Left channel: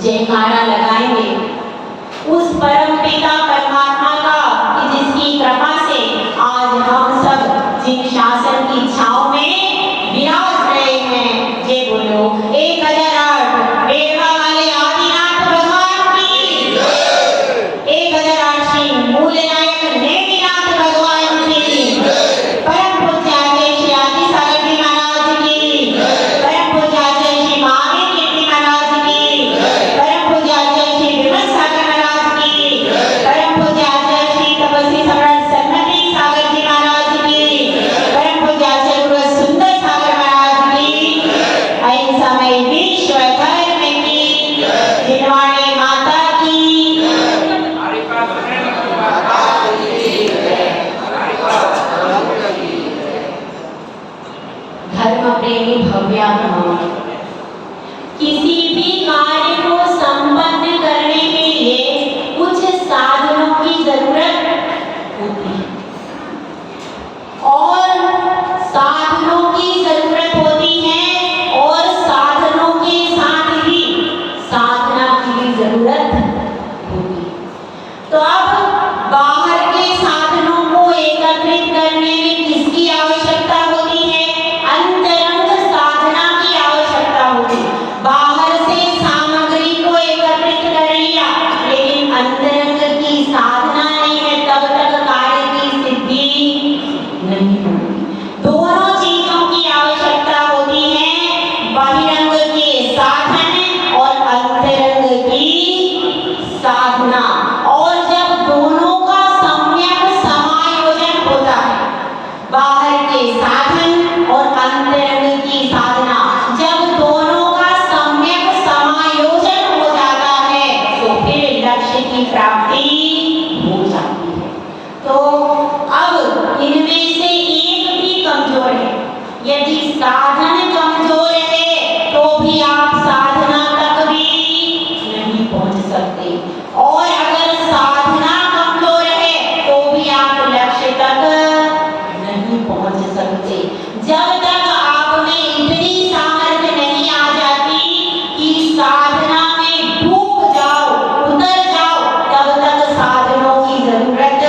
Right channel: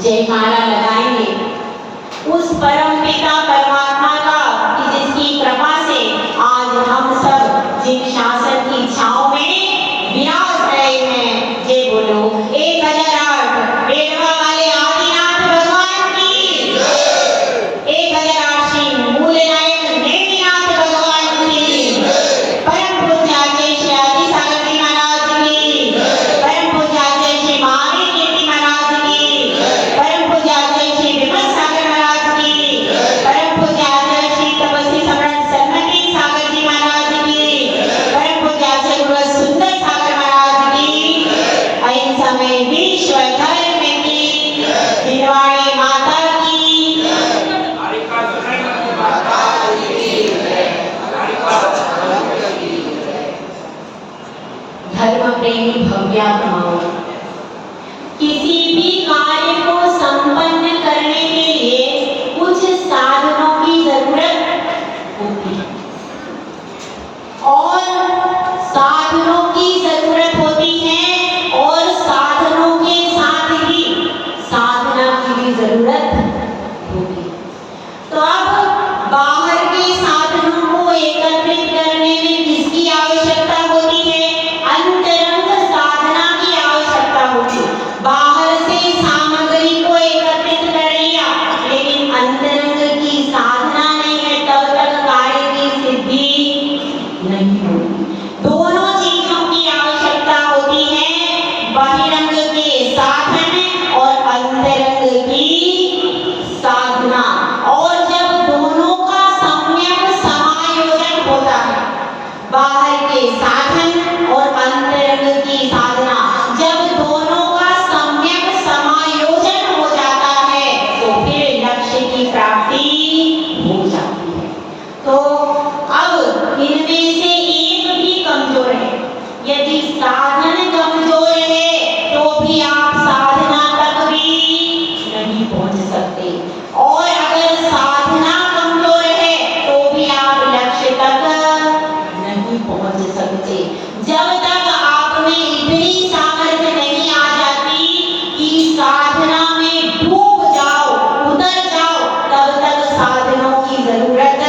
जयकारा लगाएंगे उस परम पिता परमात्मा का कि जिसकी कृपा से आज हम सब जिन शासन की छांव में विराज रहे हैं। जय बोलो 1008 बेड़ा वाले आदिनाथ भगवान की 1008 श्री मूलनायक नेमिनाथ भगवान की परम पूज्य आचार्य श्री आदि सागर जी महाराज की परम पूज्य आचार्य श्री महावीर कीर्ति महाराज की परम पूज्य आचार्य श्री विमल सागर महाराज की परम पूज्य आचार्य श्री तपस्वी सम्राट सन्मति सागर जी महाराज की परम पूज्य आचार्य गुरु सुंदर सागर महाराज की ऐन समय विश्व धर्म की निर्वाणी माता की धर्म प्रेमी भव्यात्माओं, किसी भी कार्य को संपन्न करने के लिए कुछ साधनों की जरूरत होती है और साधनों की जरूरत होती है और साधनों के साथ ही साधना की भी जरूरत होती है। तो अब बाहर के साधनों को एकत्रित करने में किसकी आवश्यकता होती है? अंतरंग साधना की आवश्यकता होती है। बाहर से सामग्री को एकत्रित कर लिया लेकिन अंतरंग की साधना नहीं है तब तक कार्य की सिद्धि नहीं होगी। दोनों चीजों की आवश्यकता होती है, बहिरंग के साधन और अंतरंग की साधना। और जब दोनों का सम्यक समायोजन होता है, बाहर के साधन और अंतरंग की साधना, जब दोनों का सम्यक समायोजन हो जाता है तो फिर लक्ष्य की प्राप्ति हो जाती है। तो अब इनमें से एक भी कमजोर है। यदि साधन कमजोर है तो भी आप साधना तक भी नहीं पहुंच सकते और अगर साधना कमजोर है तो भी आप लक्ष्य तक नहीं पहुंच सकते। जब तक आप में इतनी सामर्थ्य नहीं आ जाती कि साधना में डूब जाओ, उतर जाओ, तब तक साधनों की जरूरत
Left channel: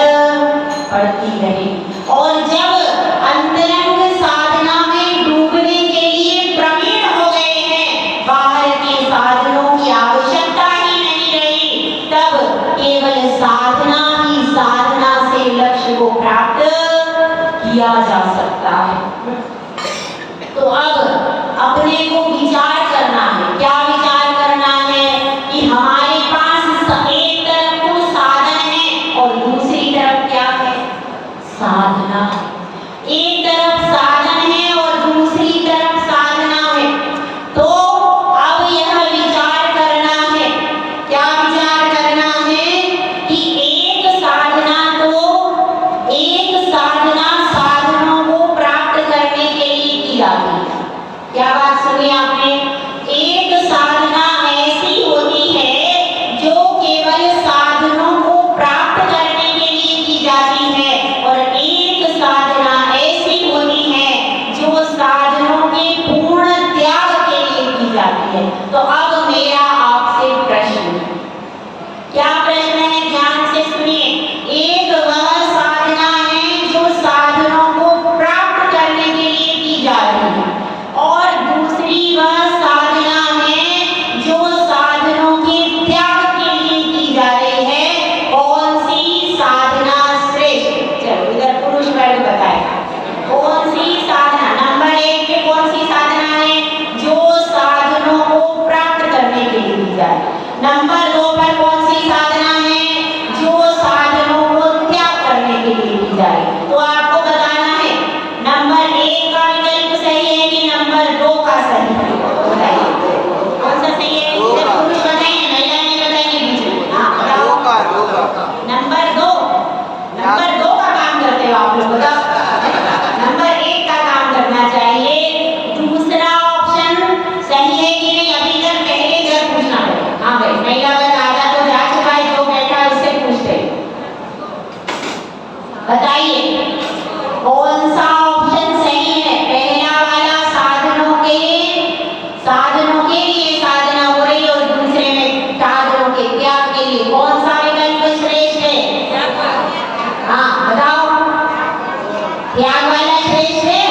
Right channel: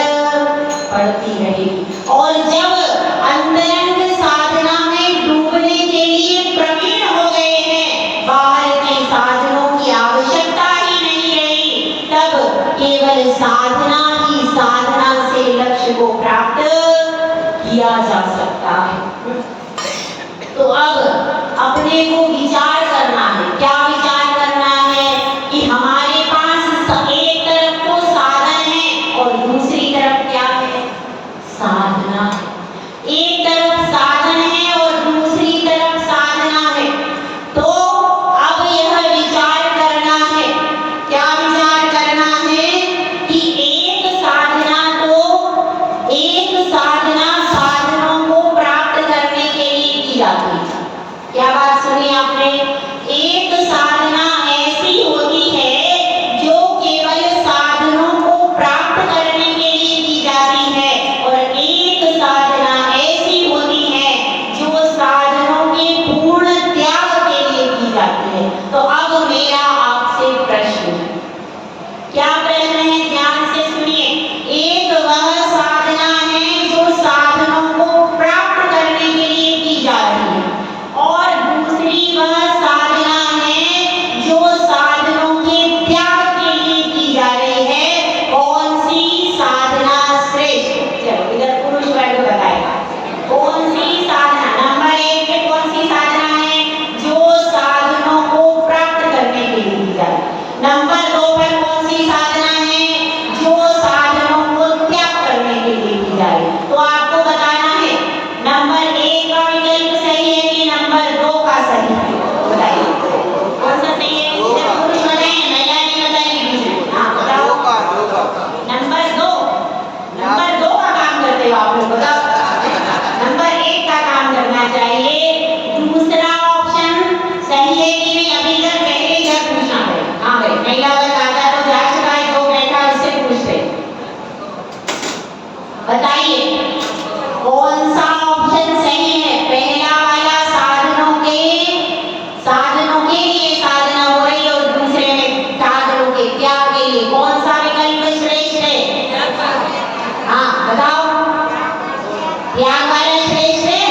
पड़ती रहेगी। और जब अंतरंग साधना में डूबने के लिए प्रवीण हो गए हैं, बाहर के साधनों की आवश्यकता ही नहीं रही, तब केवल साधना ही साधना से लक्ष्य को प्राप्त किया जा सकता है। तो अब अपने को विचार करना है। क्या विचार करना है कि हमारे पास एक तरफ को साधन है और दूसरी तरफ क्या है? साधना है। एक तरफ साधन है और दूसरी तरफ साधना है। तो जाती है। क्या बात सुनी आपने? एक साधना ऐसी होती है जो केवल साधनों को प्राप्त करने के लिए की जाती है, और एक साधना ऐसी होती है जो साधनों के पूर्ण त्याग के लिए की जाती है। तो अब मेरा आपसे प्रश्न, क्या प्रश्न है? ध्यान से सुनिए। एक वह साधना है जो साधनों को प्राप्त करने के लिए की जा रही है, और दूसरी वह साधना है जो साधनों के त्याग के लिए की जा रही है। कौन सी साधना श्रेष्ठ? चलो इधर पुरुष वर्ग बताएगा कौन सी साधना। नंबर 1 पे कौन सी साधना है? जो साधनों को प्राप्त करने के लिए की जा रही है। नंबर 2 पर कौन सी साधना है? जो साधनों को त्याग करने के लिए की जा रही है। तो आपको बताना है नंबर 1 का विकल्प सही है कि नंबर 2 का सही है? बताइए कौन सा सही है? सिर्फ पुरुष बताएं, महिला नहीं बताएंगे। हाँ बताओ। नंबर 2 का काम करते हो आप लोग, बताओ। नंबर 1 का काम करना चाहिए। दूसरा ऑप्शन सही है कि नहीं? अभी तक पहले इधर पूछना पड़ेगा। हाँ भाई, महिला वर्ग आधा तो जा चुका है, जो बैठा है उससे पूछते बताइए कौन सा ऑप्शन सही है? पहला वाला साधनों के लिए साधना हो रही है, और दूसरे में साधनों के त्याग के लिए। कौन सा विकल्प श्रेष्ठ है? हाँ बताओ। त्याग वाला श्रेष्ठ है।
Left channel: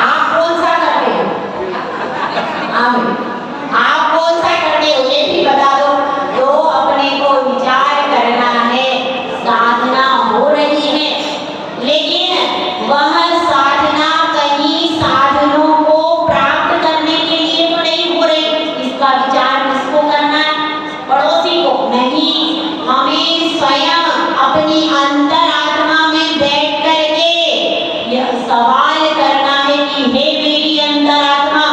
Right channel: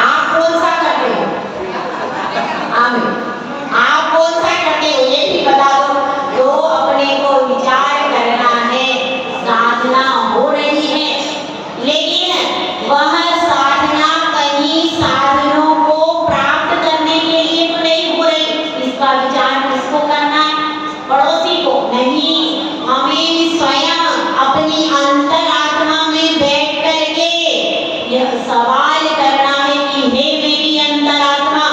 आप कौन सा करते हो? आप कौन सा करते हो ये भी बता दो। तो अपने को विचार करना है। साधना हो रही है, लेकिन वह साधना कहीं साधनों को प्राप्त करने के लिए तो नहीं हो रही। इसका विचार किसको करना है? पड़ोसी को नहीं। हमें स्वयं अपनी अंतरात्मा में बैठ करके यह सवाल करना है कि हे मेरी अंतरात्मा,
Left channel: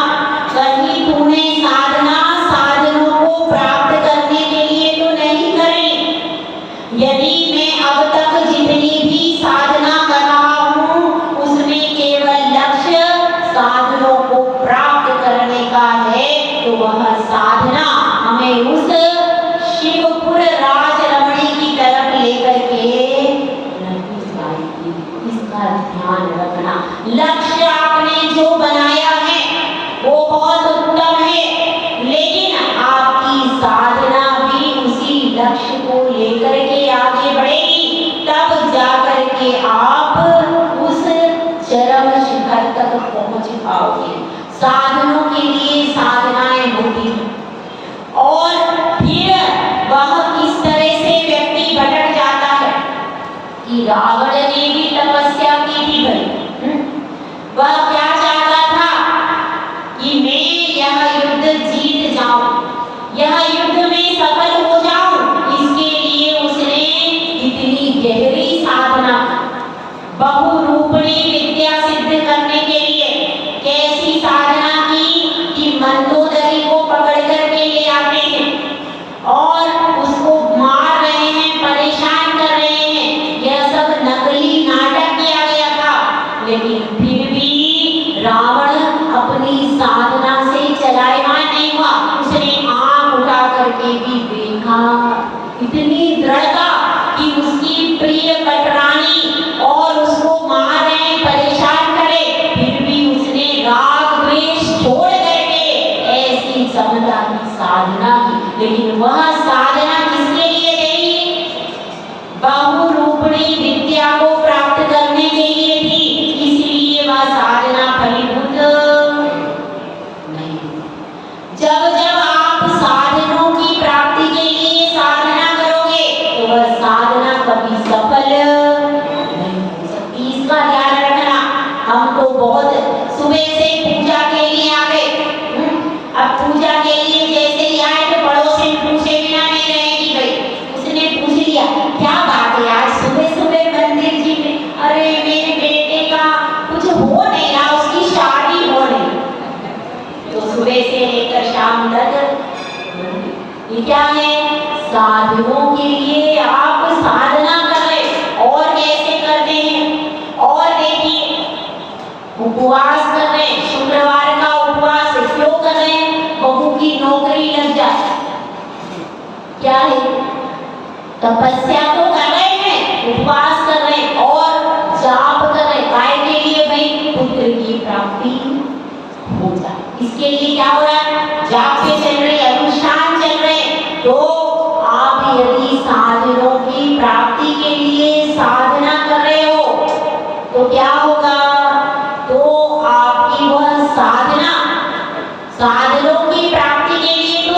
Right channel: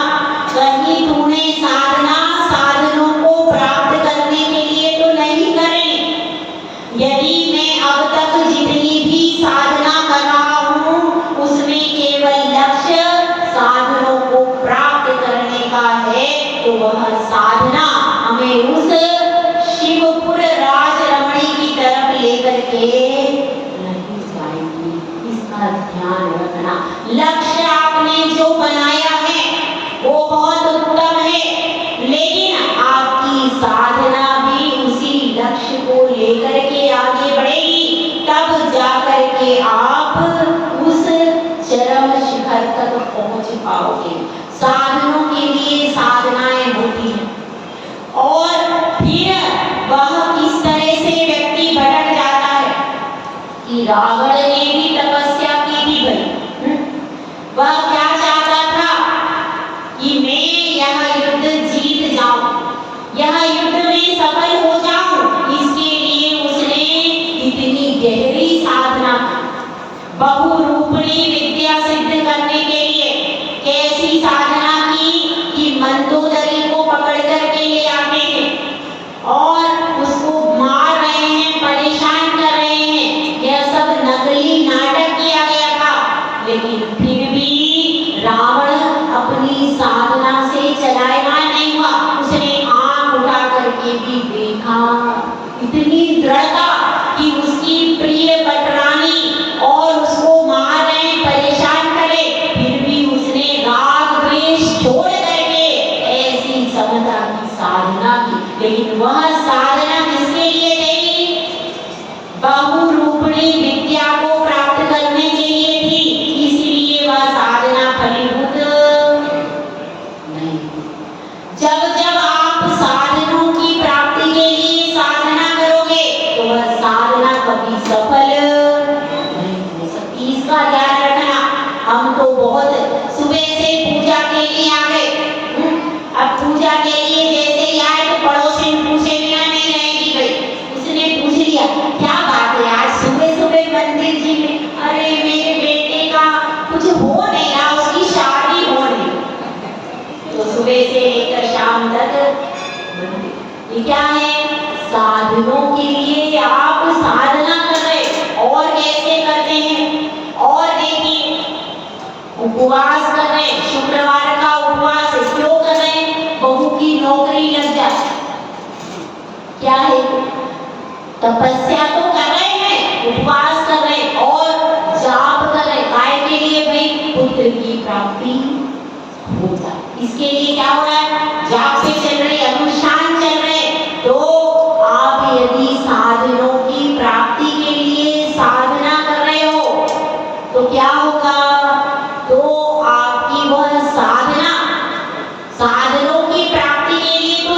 कहीं तूने साधना साधनों को प्राप्त करने के लिए तो नहीं करी? यदि मैं अब तक जितनी भी साधना कर रहा हूँ उसमें केवल लक्ष्य साधनों को प्राप्त करने का है, तो वह साधना हमें उस शिवपुर राजरमणी की तरफ लेकर के नहीं जाएगी। इसका ध्यान रखना। लक्ष्य आपने जो बनाया है वो बहुत उत्तम है, लेकिन आपकी साधना भी उसी लक्ष्य को लेकर के आगे बढ़ेगी, तब जाकर के आप उस चरम शिखर तक पहुंच पाओगे। साधनों के लिए साधनाएं होती हैं, और फिर वह किस तरह से व्यक्ति भटक जाता है कि रावण ने भी तपस्या की थी भाई। वह क्या चाहता था कि मैं यह युद्ध जीत जाऊं, यह युद्ध में सफल हो जाऊं। इसके लिए उसने इतनी गहरी साधना, बहुरूपणी विद्या सिद्ध करने के लिए कैसी साधना की कि मंदोदरी को पकड़ करके ले आते हैं और उसको मार रहे हैं, परेशान कर रहे हैं। यह सब नकली नाटक किया गया था, लेकिन फिर भी रावण अपनी साधना से चलायमान नहीं हुआ। उसने आंख उठा करके भी देखा। इतनी दृढ़ता कि उसकी प्रिय पटरानी और उसको मार रहे, परेशान करे, फिर भी उसने राग द्वेष छोड़ करके ऐसी समता की साधना की। लेकिन वह साधना किसके लिए थी? बहुरूपणी विद्या को प्राप्त करने के लिए थी। इसलिए वह साधना फलीभूत नहीं। जब जब आप साधनों की प्राप्ति के लिए साधना करोगे तो वह साधना कभी सफल नहीं हो सकती। इसका ध्यान रखना। हम तो बहुत सुबह से पूजा के लिए आ गए। अब पूजा के लिए जैसे ही आए तो पड़ोसी पूछे बिना नहीं रहेगी भाई। उसने पूछ लिया, क्या बात है आज सुबह सुबह मंदिर जी में? अरे मेरे बेटे का कुछ हो नहीं रहा, उसकी शादी हो नहीं। तो सुबह से लेकर शाम तक ये क्या है? साधनों के लिए आप साधना कर रहे। और कैसे करते हैं? और देखिए, उपवास कर रहे, शुक्र इसके लिए क्या हो रहा है, जाप पे चल रहे, अनुष्ठान चल रहे। तो आप यदि साधनों की प्राप्ति के लिए साधना कर रहे हो तो क्या होगा, तो आपकी वह साधना साधनों की प्राप्ति के लिए तो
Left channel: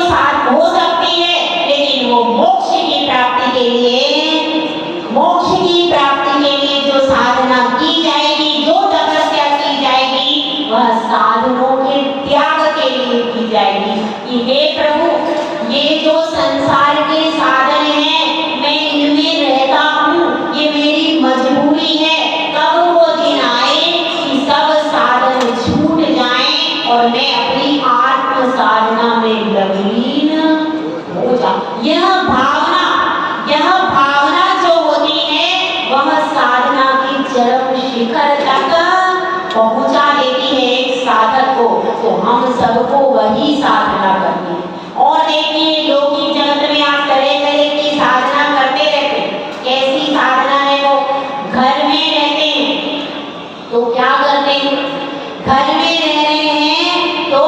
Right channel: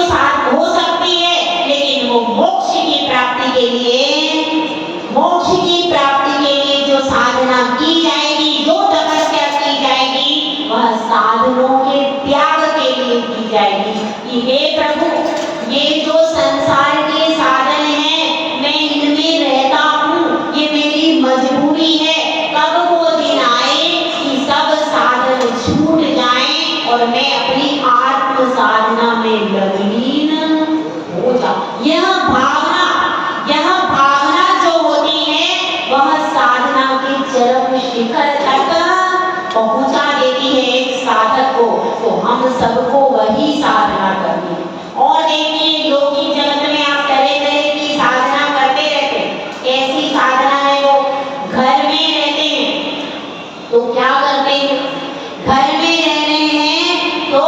हो सकती है, लेकिन वो मोक्ष की प्राप्ति के लिए जो साधना की जाएगी, जो तपस्या की जाएगी, वह साधनों के त्याग के लिए की जाएगी कि हे प्रभु, ये जो संसार के साधन हैं, मैं इनमें रहता हूँ, ये मेरी मजबूरी है। कब वो दिन आए कि सब साधन छूट जाएं और मैं अपनी आत्म साधना में लवीन हो जाऊं। यह भावना जो होती है, वह साधना के चरम शिखर तक पहुंचा देती है एक साधक को। तो हम सबको वही साधना करनी है। और देखिए, लौकिक जगत में आप तरह तरह की साधना करते रहते हैं। कैसी साधना है वो, घर में रहते हैं तो क्या करते हैं, घर में रह रहे हैं तो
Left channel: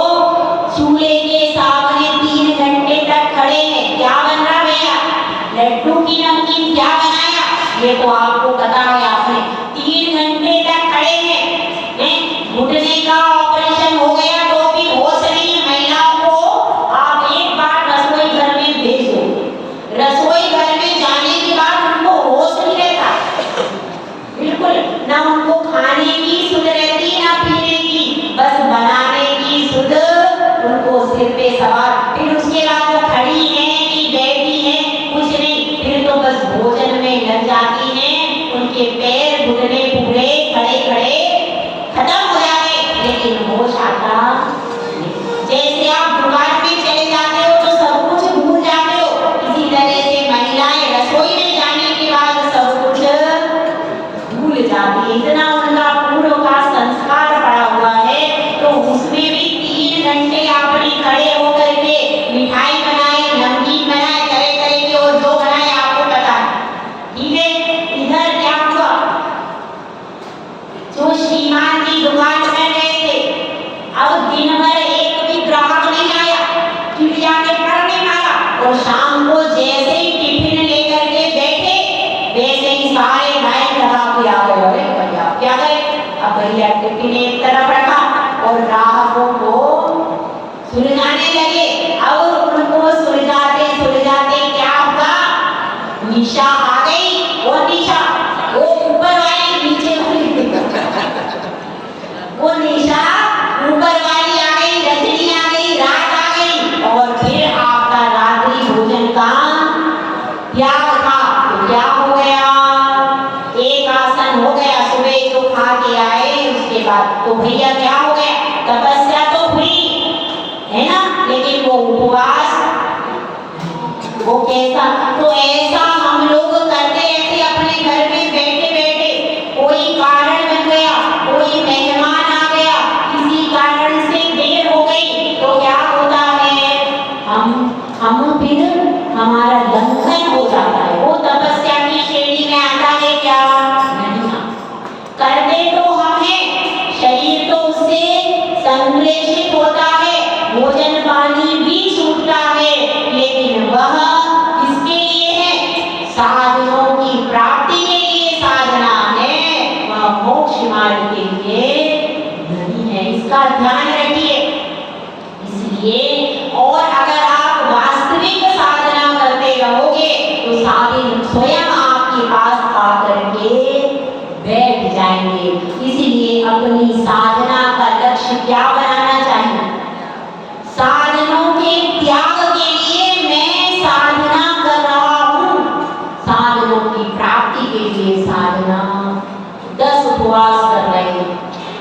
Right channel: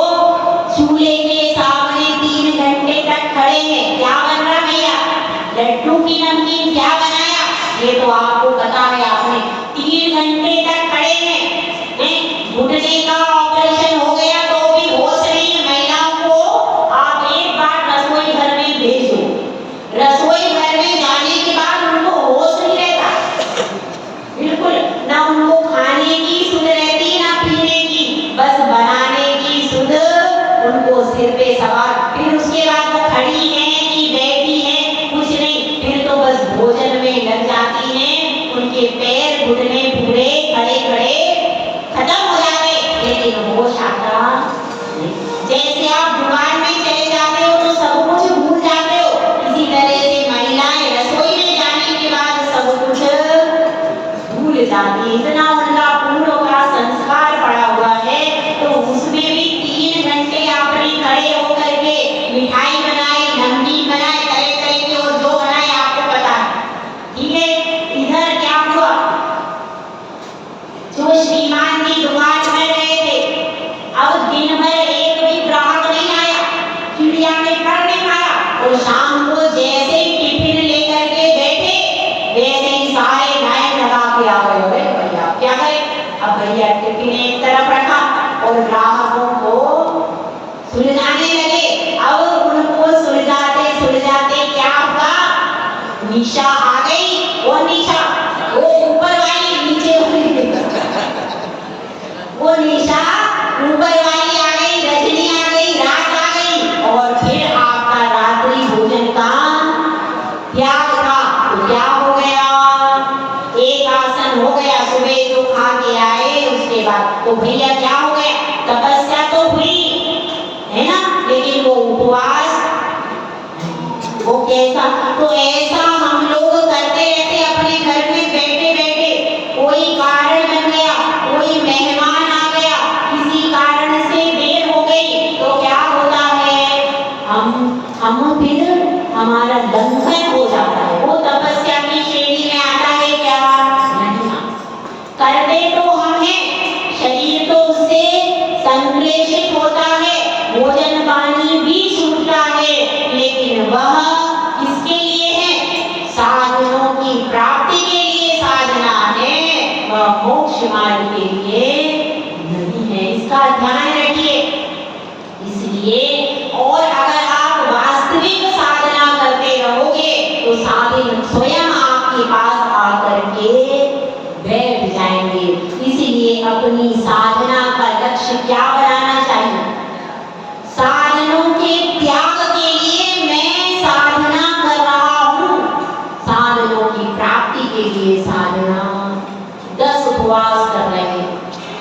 चूल्हे के सामने 3 घंटे तक खड़े हैं, क्या बन रहा भैया, लड्डू की नमकीन क्या बनाया, ये तो आपको पता है। आपने 3 घंटे तक खड़े हैं, घुटने का ऑपरेशन हो गया तो भी होश नहीं। महिलाओं को आप एक बार रसोई घर में भेज दो, रसोई घर में जाने के बाद उनको होश नहीं रहता, बिल्कुल ना उनको खाने की सुध रहती ना पीने की, बस बनाने की सुध उनको सिर पे सवार। फिर उसके बाद वो खड़ी है कि बैठी है, कुछ नहीं, फिर तो बस भोजन में लग जाती है। उनके पैर घुटने पूरे खड़े खड़े खत्म हो जाते, लेकिन होश आता नहीं। जैसे आप दुकान में चले जाते हो तो सब कुछ भूल जाते हो, इसी तरह से महिलाएं रसोई में जाने के बाद सब कुछ भूल जाती है। इतना उनका पूर्व का संस्कार पड़ा हुआ है, तो उसमें भी 3 घंटे आपने खड़े होकर के मिठाई बनाई, नमकीन बनाए, तरह तरह के और जो बनाए आपको पता है, ठीक है। इधर क्या हुआ, जो श्रीमान की दुकान में गए थे, अब दिन भर एक भी ग्राहक नहीं आया, चिड़िया ने कर नहीं पाया, और शाम को जैसे ही टिफिन लेकर के बैठे, वैसे ही सारे लाइन लगा के आ गए। अरे भैया क्या गए, अब भैया टिफिन एक तरफ रखा और ग्राहकों को सुलझाने लगे। अब उनको सुलझाते क्या हुआ, निशा आ गई। और निशा वो ऊपर वाली नीचे हुई, वो निशा ऊपर वाली आ गई, रजनी आ गई, रात आ गई, और फिर आपका रात्रि भोजन का त्याग था। तो क्या हो गया, एक आसन हो गया, सुबह जो खा के आए उसके बाद तो भैया क्या हो गया, तपस्या तो हुई है ना, लेकिन वो उपवास वो कैसा, तो ऐसा हम लोग करते रहते अपने घर में बैठे बैठे। कोई कारण बन गया, कोई मेहमान आ गया, किसी कारण से देर हो गई, तो क्या होता है, हम फिर हमारा लंघन हो जाता है। वो तपस्या की श्रेणी में आता है क्या, नहीं। करते तो हम हैं, शरीर तो उससे संश्लेषित होता है, भोजन पानी भी छूटता है, लेकिन वह किसके लिए है, साधनों की प्राप्ति के लिए साधना है, वह मोक्ष मार्ग के लिए नहीं है। इसका ध्यान रखिए। इसलिए और अगर आप वास्तविक साधना करते रहोगे तो साधन स्वयं आपके पास आकर के बैठ जाएंगे। इसीलिए अपनी साधना का लक्ष्य क्या बनाना चाहिए, साधनों के त्याग के लिए मैं साधना कर रहा हूँ, साधनों की प्राप्ति के लिए साधना। 10 उपवास कर रहे हैं,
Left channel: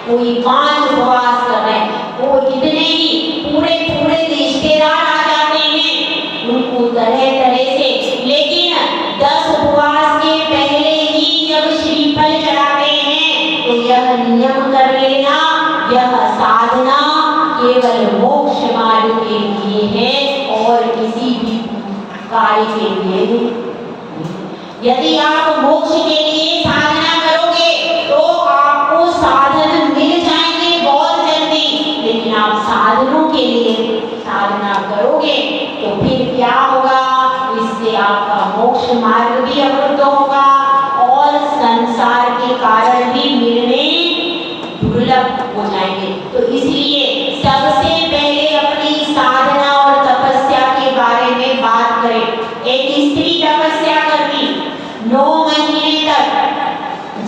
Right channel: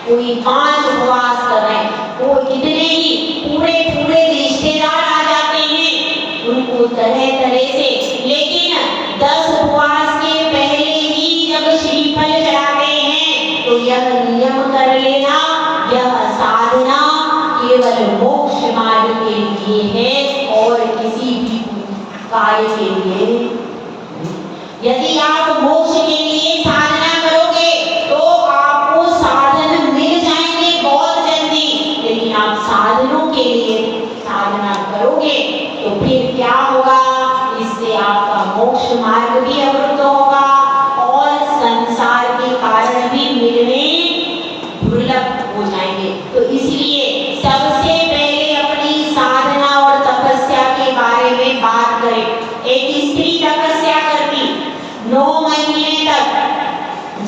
कोई 5 उपवास कर रहे हैं, कोई कितने ही पूरे रिश्तेदार आ जाते हैं उनको तरह तरह से, लेकिन 10 उपवास के पहले ही जब श्रीफल चढ़ाते हैं तो यह नियम कर लेना, यह साधना केवल मोक्ष मार्ग के लिए है और किसी भी कार्य के लिए नहीं। यदि आप मोक्ष के लिए साधना करोगे तो आपको साधन मिल जाएंगे बहुत जल्दी, लेकिन आप साधन के लिए साधना करोगे तो फिर क्या होगा, इससे आपका मोक्ष मार्ग भी अवरुद्ध होगा और संसार के कारण भी मिलने दुर्लभ हो जाएंगे। तो इसलिए सबसे पहले अपनी साधना और तपस्या के बारे में बात करें। एक स्त्री तपस्या करती 9 महीने तक,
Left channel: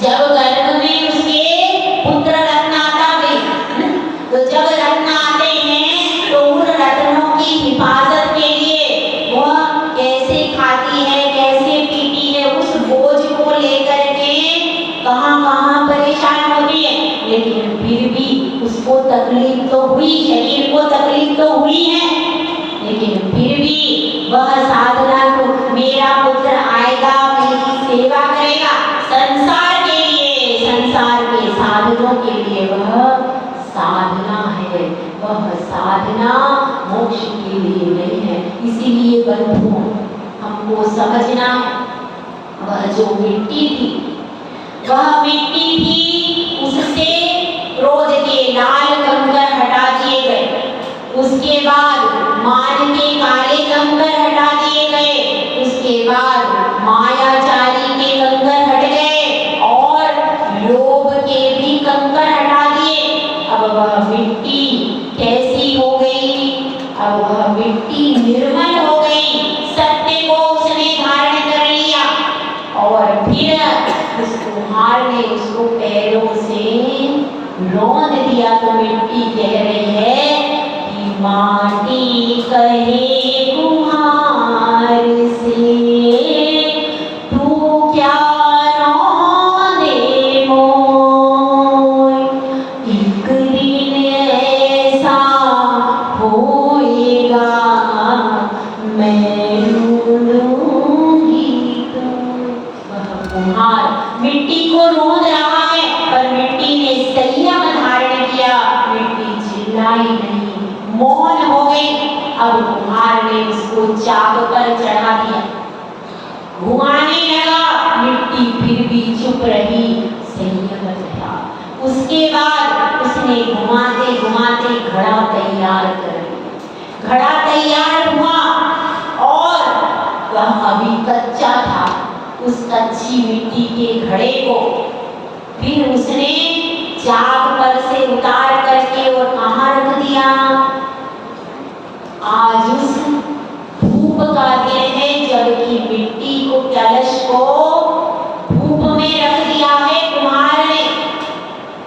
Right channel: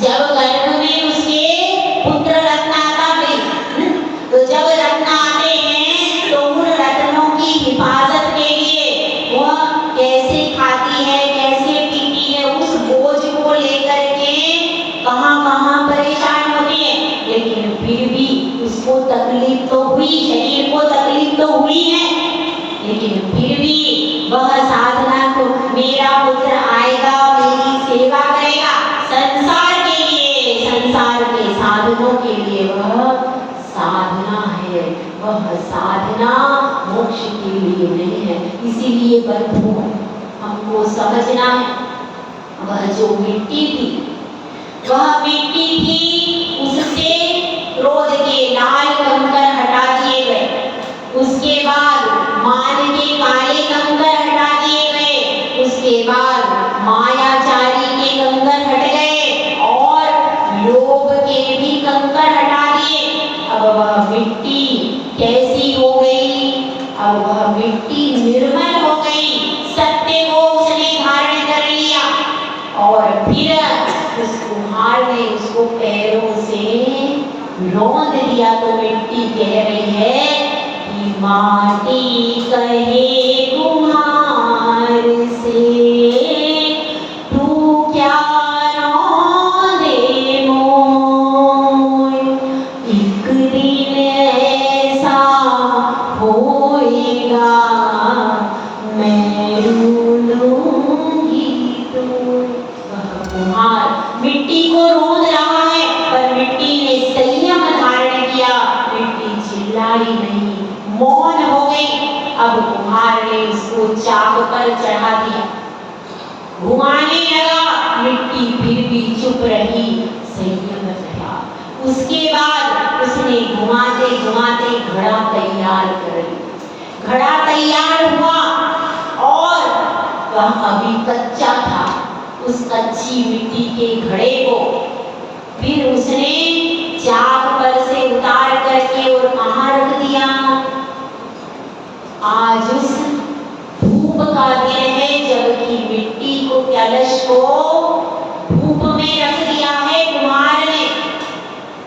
जब गर्भ में उसके पुत्र रत्न आता है, तो जब रत्न आते हैं तो उन रत्नों की हिफाजत के लिए वह कैसे खाती है, कैसे पीती है, उस बोझ को लेकर के कहां-कहां परेशान होती है, लेकिन फिर भी उसको तकलीफ तो हुई, शरीर को तकलीफ तो हुई है, लेकिन फिर भी वह साधना को, मेरा पुत्र आएगा मेरी सेवा करेगा, संसार के लिए, संसार के साधनों के लिए वह साधना है, वह साधना मोक्ष के लिए नहीं है। इसीलिए बंधुओं हमको समझना है, वह जो मिट्टी थी, वह मिट्टी थी, उससे क्रोध के लाल कंकर हटा दिए गए, उसके बाद मान के काले कंकर हटा दिए गए, उसके बाद मायाचारी के कंकर हट गए और लोभ के भी कंकर हटा दिए। अब वह मिट्टी कैसी हो गई, अब वह मिट्टी निर्मल हो गई, सत्य को उसने धारण कर लिया और फिर उस कुम्हार ने उसको पैरों से रौंद दिया। तो मिट्टी कह रही है कि माटी कहे कुम्हार से, तू क्या रौंदे मोय, एक दिन ऐसा होएगा मैं लूंगी तू। वह कुम्हार मिट्टी को रौंद रहा है, पर मिट्टी ने संयम धारण किया, मिट्टी चिल्लाई नहीं, मौन हो गई। अब कुम्हार ने उसको चाक पर चढ़ा दिया, घुमाने लगा, मिट्टी फिर भी चुप रही, संयम रहा। उसके बाद उसने घुमाते घुमाते घड़ा तैयार कर लिया, घड़ा तैयार हुआ और वह अभी कच्चा था, उस कच्ची मिट्टी के घड़े को फिर उसने चाक पर से उतार करके और कहाँ रख दिया, आज उस धूप का दिन है, जबकि मिट्टी को, कलश को धूप में रख दिया है कुम्हार ने।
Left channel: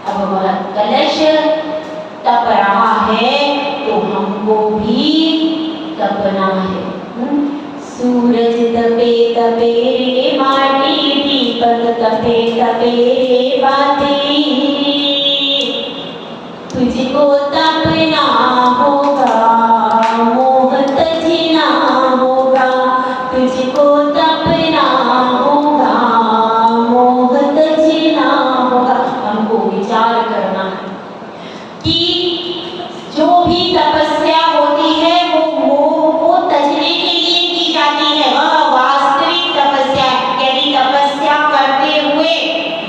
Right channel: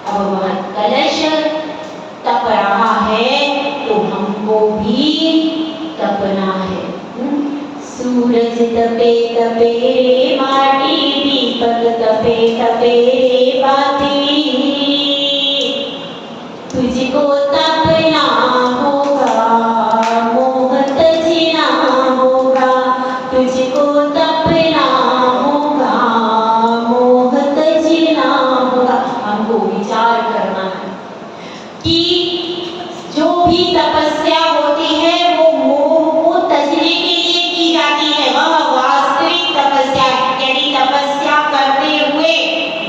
अब वह कलश तप रहा है तो हमको भी तपना है। सूरज तपे तपे रे माटी, दीपक तपे तपे रे बाती, तुझको तपना होगा, मोह तजना होगा, तुझको तपना होगा, मोह तजना होगा। हमको विचार करना है कि जो भी तपस्या होती है वो मोह को तजने के लिए की जाती है, वह वास्तविक तपस्या है। यदि तपस्या करते हुए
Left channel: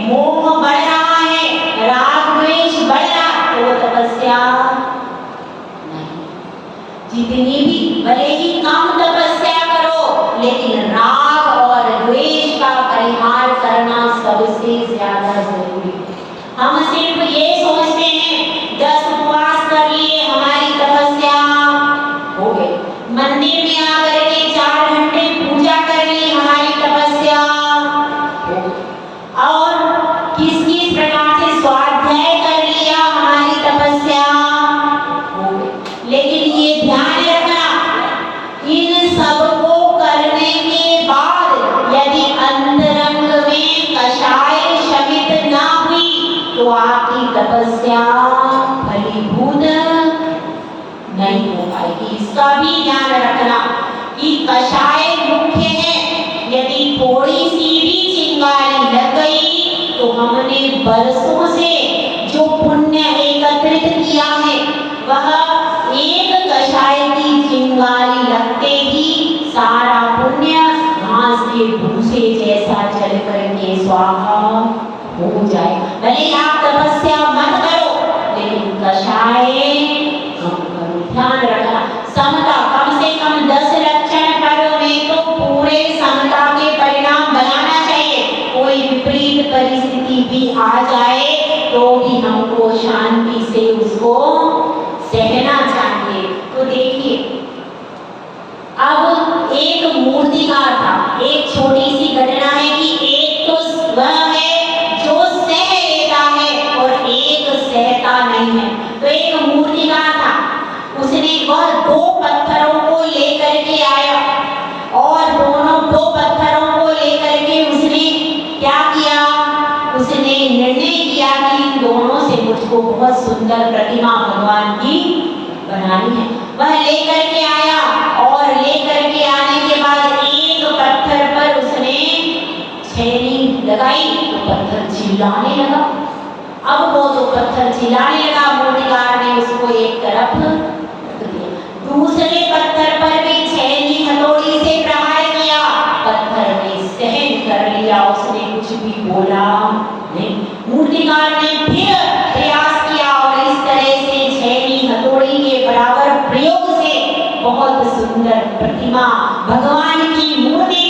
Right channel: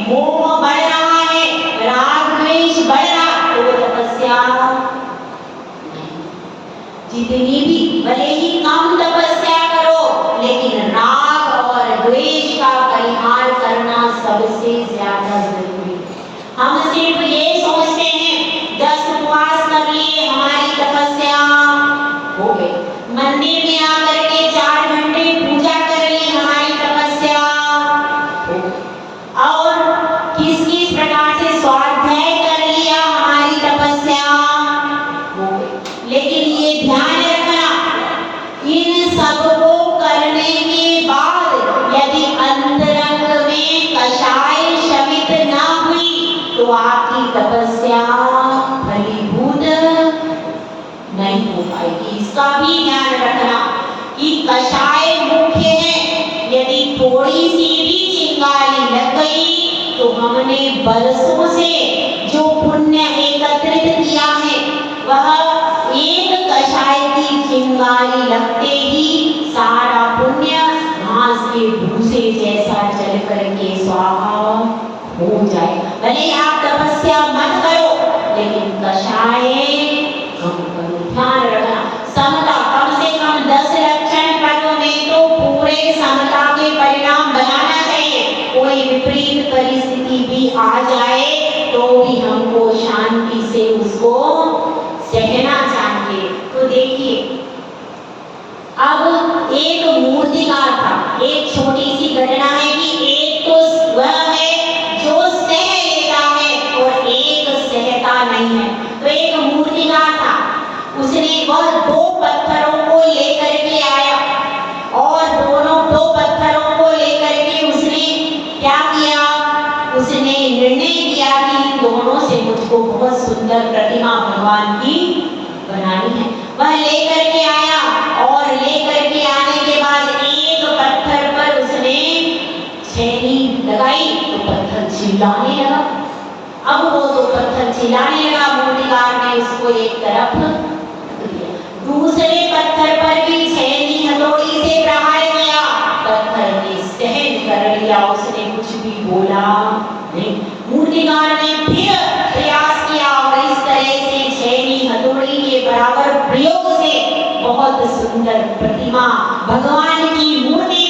मोह बढ़ रहा है, राग द्वेष बढ़ रहा, तो वो तपस्या नहीं। जितनी भी भले ही कम तपस्या करो, लेकिन राग और द्वेष का परिहार करना सबसे ज्यादा जरूरी है। हम सिर्फ ये सोचते हैं 10 उपवास कर लिए हमारी तपस्या हो गई, मंदिर में आकर के 4 घंटे पूजा कर ली हमारी तपस्या हो गई, और किस किस प्रकार से स्वाध्याय कर लिया हमारी तपस्या हो गई। लेकिन ये ध्यान रखना, इन सब को करने के बाद यदि अंतरंग में कषाय शमित ना हुई तो आपकी तपस्या फलीभूत नहीं हो पाएगी। इसका भी ध्यान रखना कि कषाय मुख्य है, यदि थोड़ी सी भी चिंगारी लग गई तो हमने बरसों से जो पुण्य एकत्रित किया है, वह एक कषाय की चिंगारी लगते ही सारा पुण्य घास के भूसे जैसा चल करके स्वाहा हो जाए। भले आप तपस्या मत करो, लेकिन कषाय कम करो। देखिए, अब एक मूर्तिकार था। एक छोटी सी घटना है कि एक तो वह है जो सह लेता है और एक सहता नहीं है। तो एक मूर्तिकार था, उसने वह दो पत्थरों को लेकर के आया और दोनों दो पत्थरों को लेकर के उसने क्या किया, उसने निर्णय किया कि इन दोनों से मुझको बहुत सुंदर प्रतिमा भगवान की बनानी है। वह लेकर के आया और लेकर के आने के बाद एक पत्थर पर उसने छेनी लगाई तो पत्थर चिल्लाने लगा। अब वो तो पत्थर चिल्लाने लगा, मूर्तिकार ने उसको एक तरफ रख दिया। दूसरे पत्थर पर भी छेनी हथौड़ी से प्रहार किया, पत्थर ने सहन कर लिया, उसने कुछ भी बोला नहीं। मूर्तिकार ने फिर प्रयास किया और इस तरह से छेनी हथौड़ी के बराबर प्रयोग से बहुत सुंदर प्रतिमा भगवान की मूर्ति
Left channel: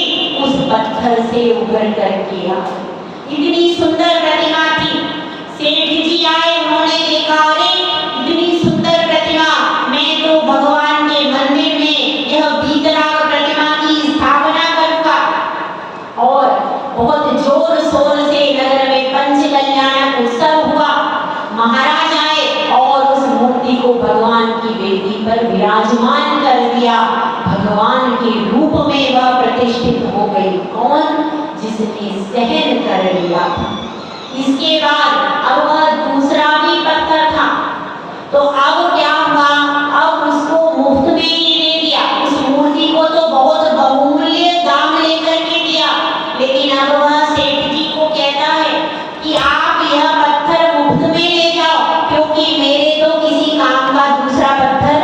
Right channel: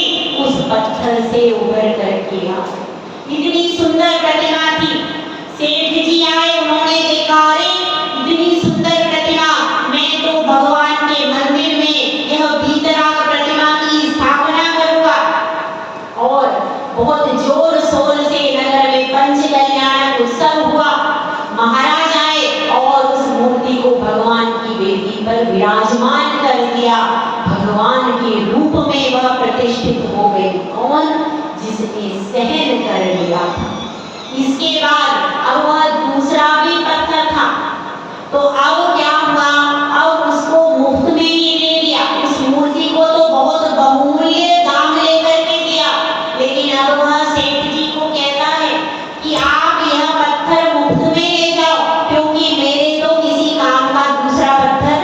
उस पत्थर से उभर करके आई। इतनी सुंदर प्रतिमा थी। सेठ जी आए, उन्होंने देखा, अरे इतनी सुंदर प्रतिमा, मैं तो भगवान के मंदिर में यह वीतराग प्रतिमा की स्थापना करूंगा। और बहुत जोर शोर से नगर में पंच कल्याण उत्सव हुआ। महाराज आए और उस मूर्ति को भगवान की वेदी पर विराजमान कर दिया। भगवान के रूप में वह प्रतिष्ठित हो गई। कौन? जिसने सहन कर लिया। इसके बाद अब वह दूसरा भी पत्थर था, तो अब क्या हुआ, अब उसको मुफ्त में ही दे दिया। उस मूर्ति को तो बहुत बहुमूल्य दाम लेकर के दिया, लेकिन अब वह सेठ जी को कहता है कि आप यह पत्थर मुफ्त में ले जाओ, क्योंकि मेरे तो किसी काम का दूसरा पत्थर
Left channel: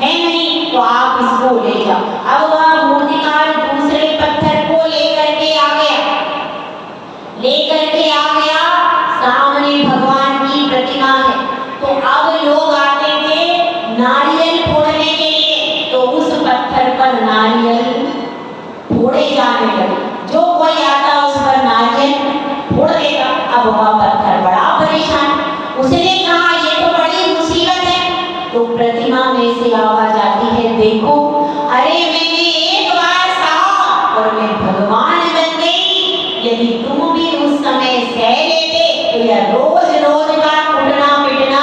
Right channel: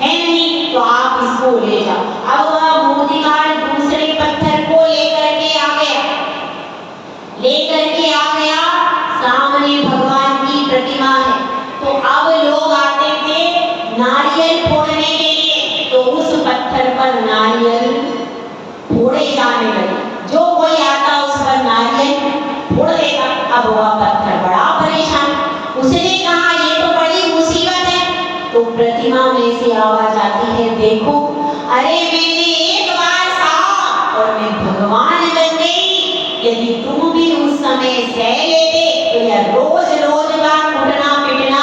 है नहीं, तो आप इसको ले जाओ। अब वह मूर्तिकार दूसरे पत्थर को लेकर के आ गया, सामने भगवान की प्रतिमा है। तो अब लोग आते थे नारियल फोड़ने के लिए, तो उस पत्थर पर नारियल फोड़े जाने लगे। जो कोई आता उस पर नारियल फोड़ देगा। अब वह पत्थर बड़ा परेशान, उसने कहा ये तो बड़ी मुसीबत है। तो प्रतिमा में से आवाज आती है, देखो, अरे मैंने एक बार सहा और मैं भगवान बन गई। यदि तुम भी उस समय सह लेते तो यह रोज रोज का कुटना पिटना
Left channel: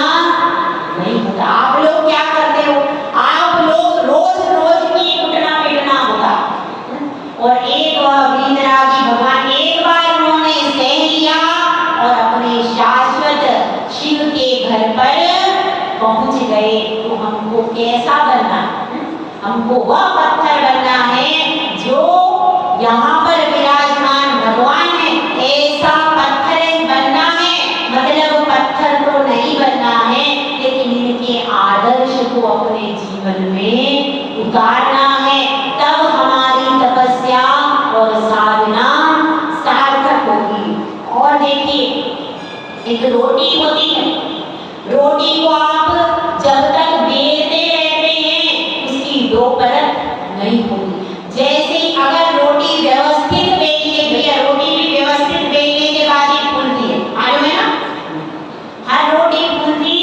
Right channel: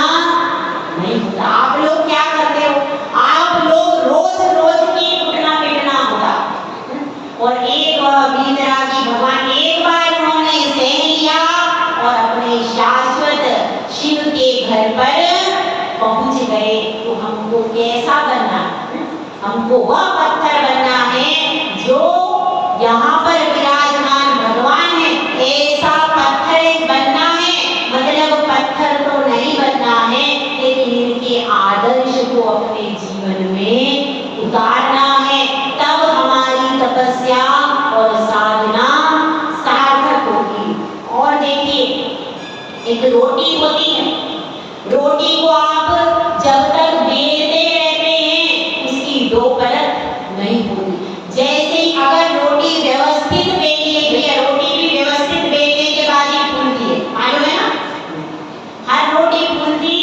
नहीं होता। आप लोग क्या करते हो, आप लोग रोज रोज की कुटना पिटना होता। और एक वह वीतरागी भगवान, एक बार उन्होंने सह लिया और अपने शाश्वत शिव के घर पर पहुंच गए। तो हमको कैसा बनना, हमको वह पत्थर बनना है जो यहाँ पर विराजमान भगवान है, ऐसा पत्थर बनना है। मतलब पत्थर तो नहीं बनना है, लेकिन इनके आदर्श को अपने जीवन में उतारना है, तब हमारी तपस्या और साधना सार्थक होगी। और देखिए, एक रोटी होती है, रोटी को आप जब तक बेलते रहते हैं उसकी दो परत नहीं होगी। जैसे ही अगर रोटी व्यवस्थित बेली है, भैया रोटी भी व्यवस्थित बेलने के बाद ही फूलती है, मालूम है ना? हर रोटी फूलती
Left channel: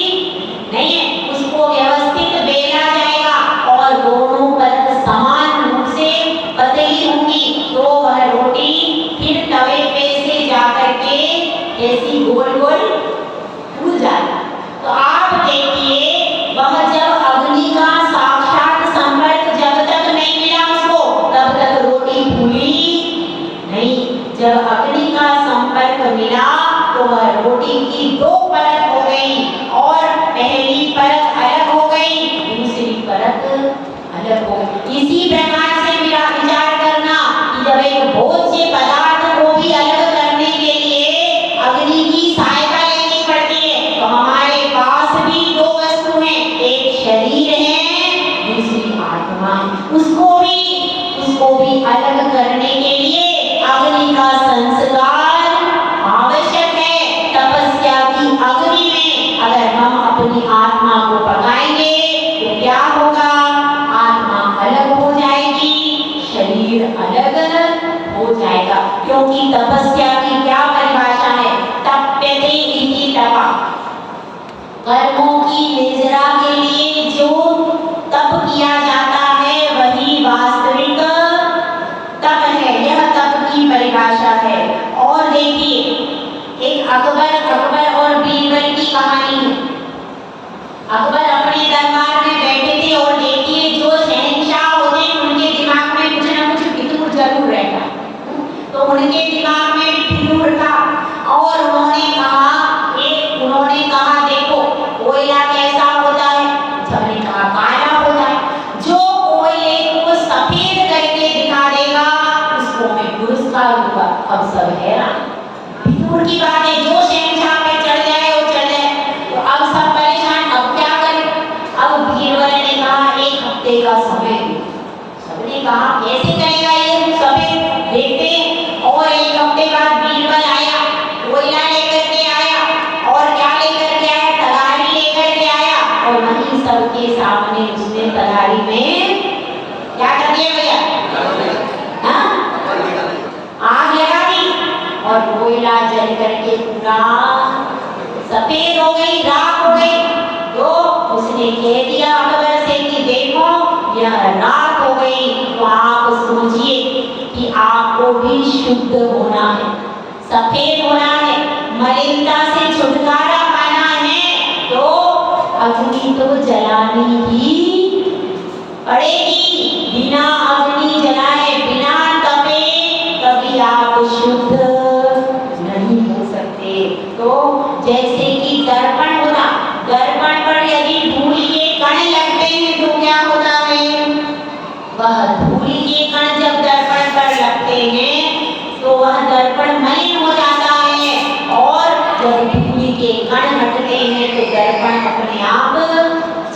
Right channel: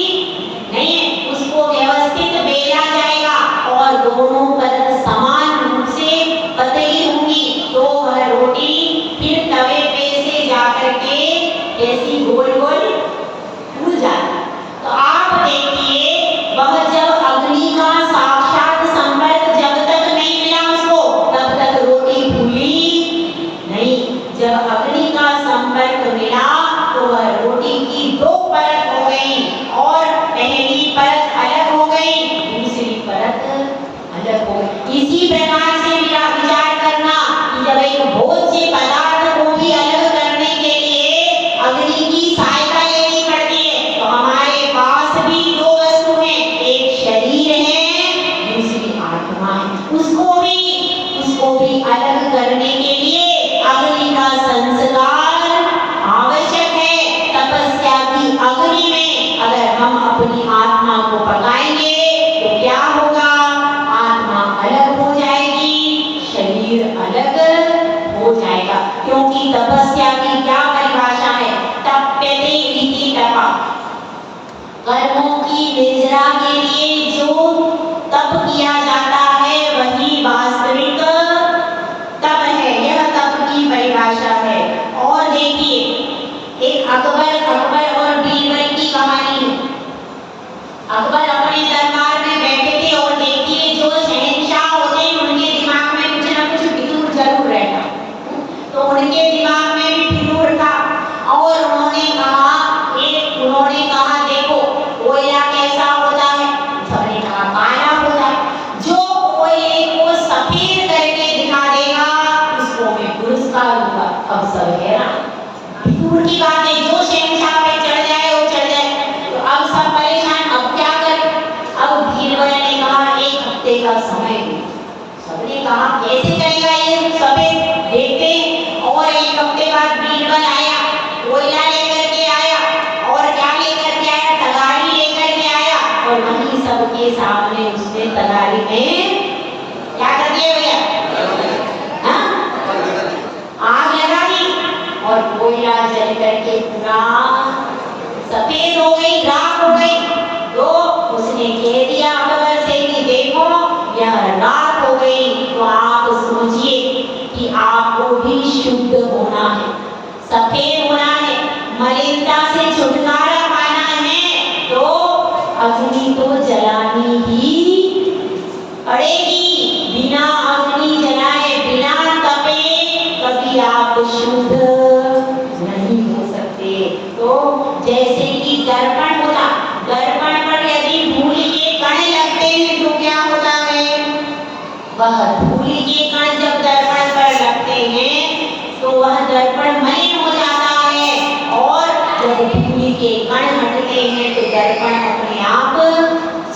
नहीं है, उसको व्यवस्थित बेला जाएगा और दोनों परत देगा समय भी। सबने कहा कैसे करेगा ये सफेद, देखते और एक हफ्ते बाद बीरबल आया, कोयला लेकर के आया और क्या लेकर के आया, तगाड़ी लेकर के आया और वहीं सबके सामने उसने तगाड़ी में क्या कर दिया भैया, हाँ आग लगा दी और कोयला जल करके पूरा सफेद हो गई, राख हो गई। तो उसने कह दिया अकबर से कि देखो यह राख हो गई, तो आप सोचिए कि आपको भी शुद्ध होना है, सफेद होना है, मलिनता से छुटकारा पाना है, तो अग्नि तो जलानी ही पड़ेगी। बिना अग्नि जलाए, बिना तपे कभी आप शुद्ध नहीं हो सकते। तो जैसे कि दर्पण होता, दर्पण पर यदि धूल के कण लगते हैं तो क्या होता है, वह धूल के कण जब दर्पण पर लगते हैं तो वह दर्पण मलिन हो जाता है और जब धूल के कण हटते हैं तो दर्पण अपने आप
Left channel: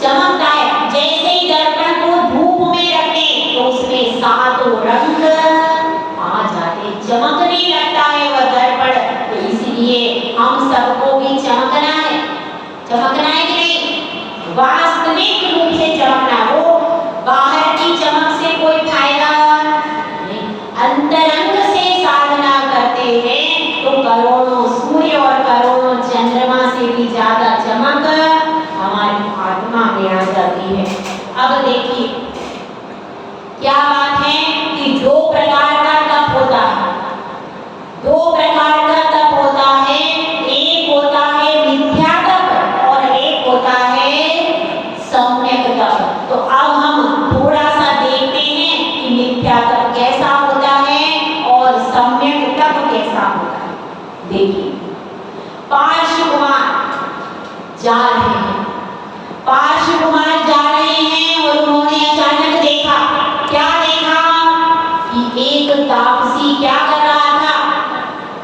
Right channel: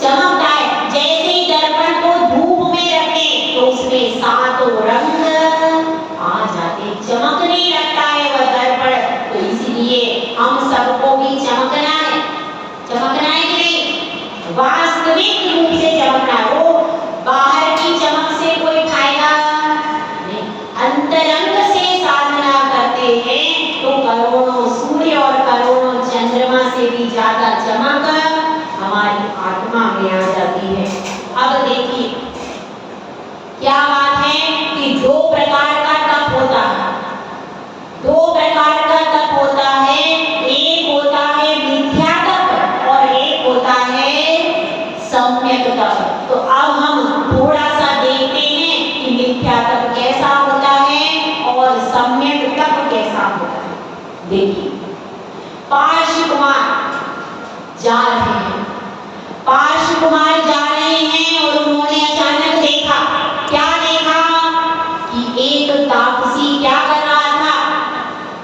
चमकता है। जैसे ही दर्पण को धूप में रखते तो उसमें सातों रंग आ जाते, चमकने लगता है वह दर्पण। तो इसलिए हम सबको भी चमकना है, चमकना है कि नहीं, वास्तविक रूप से चमकना। वो बाहर की चमक से कोई फायदा नहीं, अंतरंग से साधना करते हैं तो करोड़ों सूर्य और करोड़ों चंद्रमा से भी ज्यादा चमक हमारी आत्मा में आ जाती है। अब देखिए क्या बात है कि दो प्रकार का तप होता है, दो प्रकार का तप होता है, एक होता है मिथ्या तप और एक होता है सम्यक तप। तो अब हम थोड़ा सा देखते हैं कि मिथ्या तप कैसा होता है और सम्यक तप कैसा होता है। देखिए पार्श्व कुमार जा रहे हैं, पार्श्व कुमार जा रहे हैं और उन्होंने अचानक देखा, क्या देखा कि एक तापसी क्या कर रहा था,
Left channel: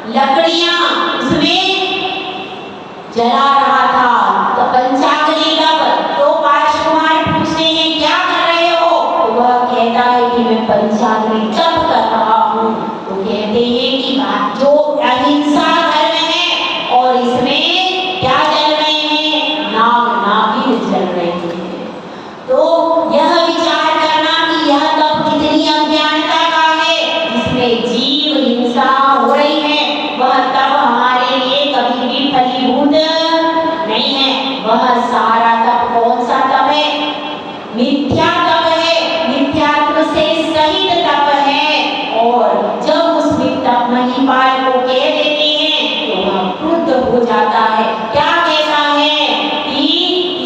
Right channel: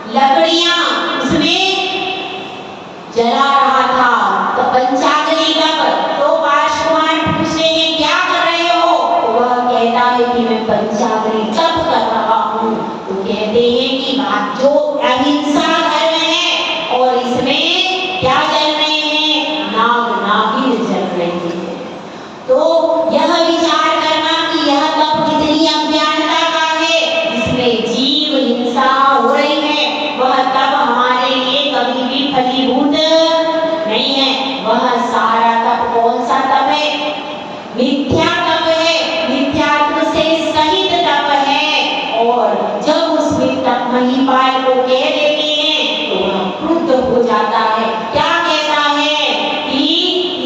लकड़ियां उसमें जला रहा था, तो पंचाग्नि तप। तो पार्श्व कुमार पूछते हैं क्या कर रहे हो, तो वह कहता है कि मैं पंचाग्नि तप कर रहा हूँ। तो कहते हैं कि जो अहिंसा धर्म है और इसमें क्या जल रहे हैं, नाग नागिन जल रहे हैं। तो यह विचार करना कि यह तप कितनी अज्ञानता का है, जिसमें जीव हिंसा हो रही है, वह तप हमारे लिए कभी भी फलीभूत नहीं है। वह सारा तप कौन सा तप है, मिथ्या तप है, मिथ्यात्व से सहित तप है। और जब उस तप महिपाल को कह देते हैं तो वह क्रुद्ध हो जाता है। क्या कहता है कि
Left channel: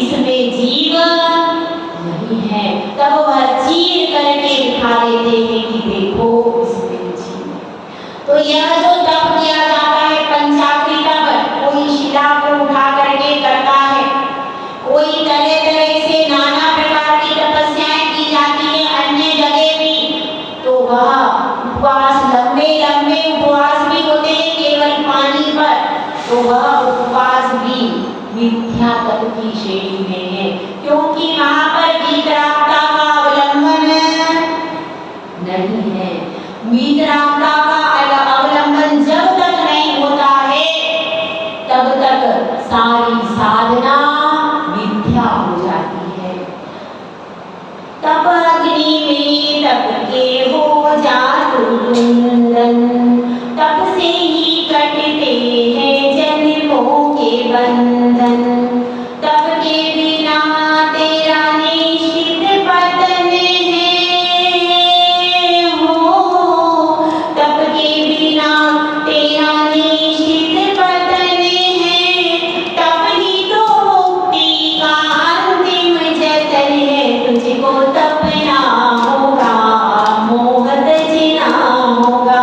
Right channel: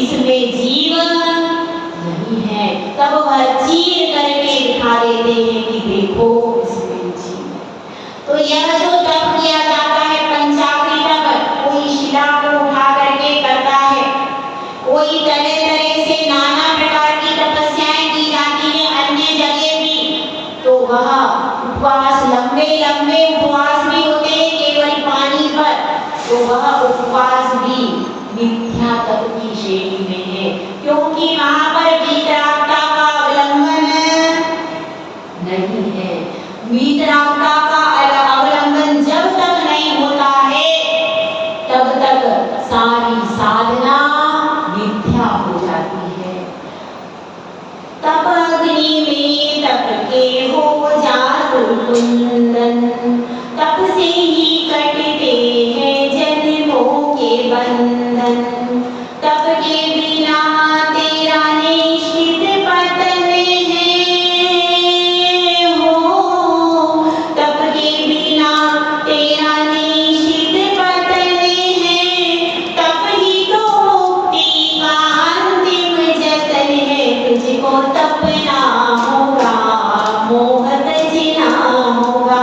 इसमें जीव नहीं है, तब वह चीर करके दिखा देते हैं कि देखो इसमें जीव है। तो यह जो तप किया जाता है पंचाग्नि तप, कोई शिला को उठा करके करता है, कोई तरह तरह से नाना प्रकार की तपस्याएं की जाती है अन्य जगह भी। तो वह उपवास, लंबे लंबे उपवास भी होते हैं केवल पानी पर, तो वह उपवास भी मिथ्या तप की श्रेणी में है, क्योंकि वहां पर वीतरागता का अवलंबन नहीं है। वीतरागता का अवलंबन जब तक नहीं होता है तब तक सारी साधना मिथ्या हो जाती है। तप अग्नि में तप के हो जातु कुंदन, तप से ही कटते हैं जन्मों के बंधन। तप के बिना तेरा निश्चित पतन है हो, तप के बिना तेरा निश्चित पतन है। तप ही तो मुक्ति का अंतिम जतन है, तुझको तपना होगा, मोह तजना होगा।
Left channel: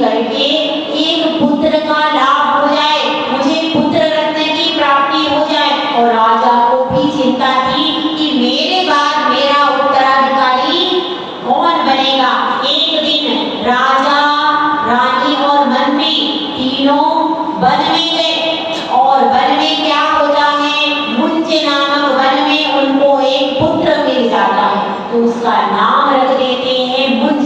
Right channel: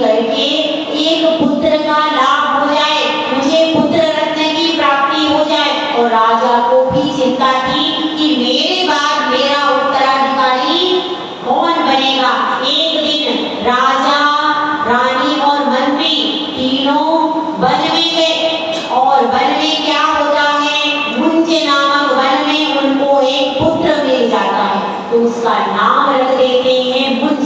करके एक पुत्र का लाभ हो जाए, मुझे पुत्र रत्न की प्राप्ति हो जाए। और राजा को भी चिंता थी कि मेरे बाद मेरा उत्तराधिकारी कौन बनेगा। एक दिन राजा, रानी और मंत्री तीनों वन में गए और वन में क्या होता है, मुंज नामक वन में उनको एक पुत्र मिल जाता है, तो उसका नाम रख देते हैं मुंज।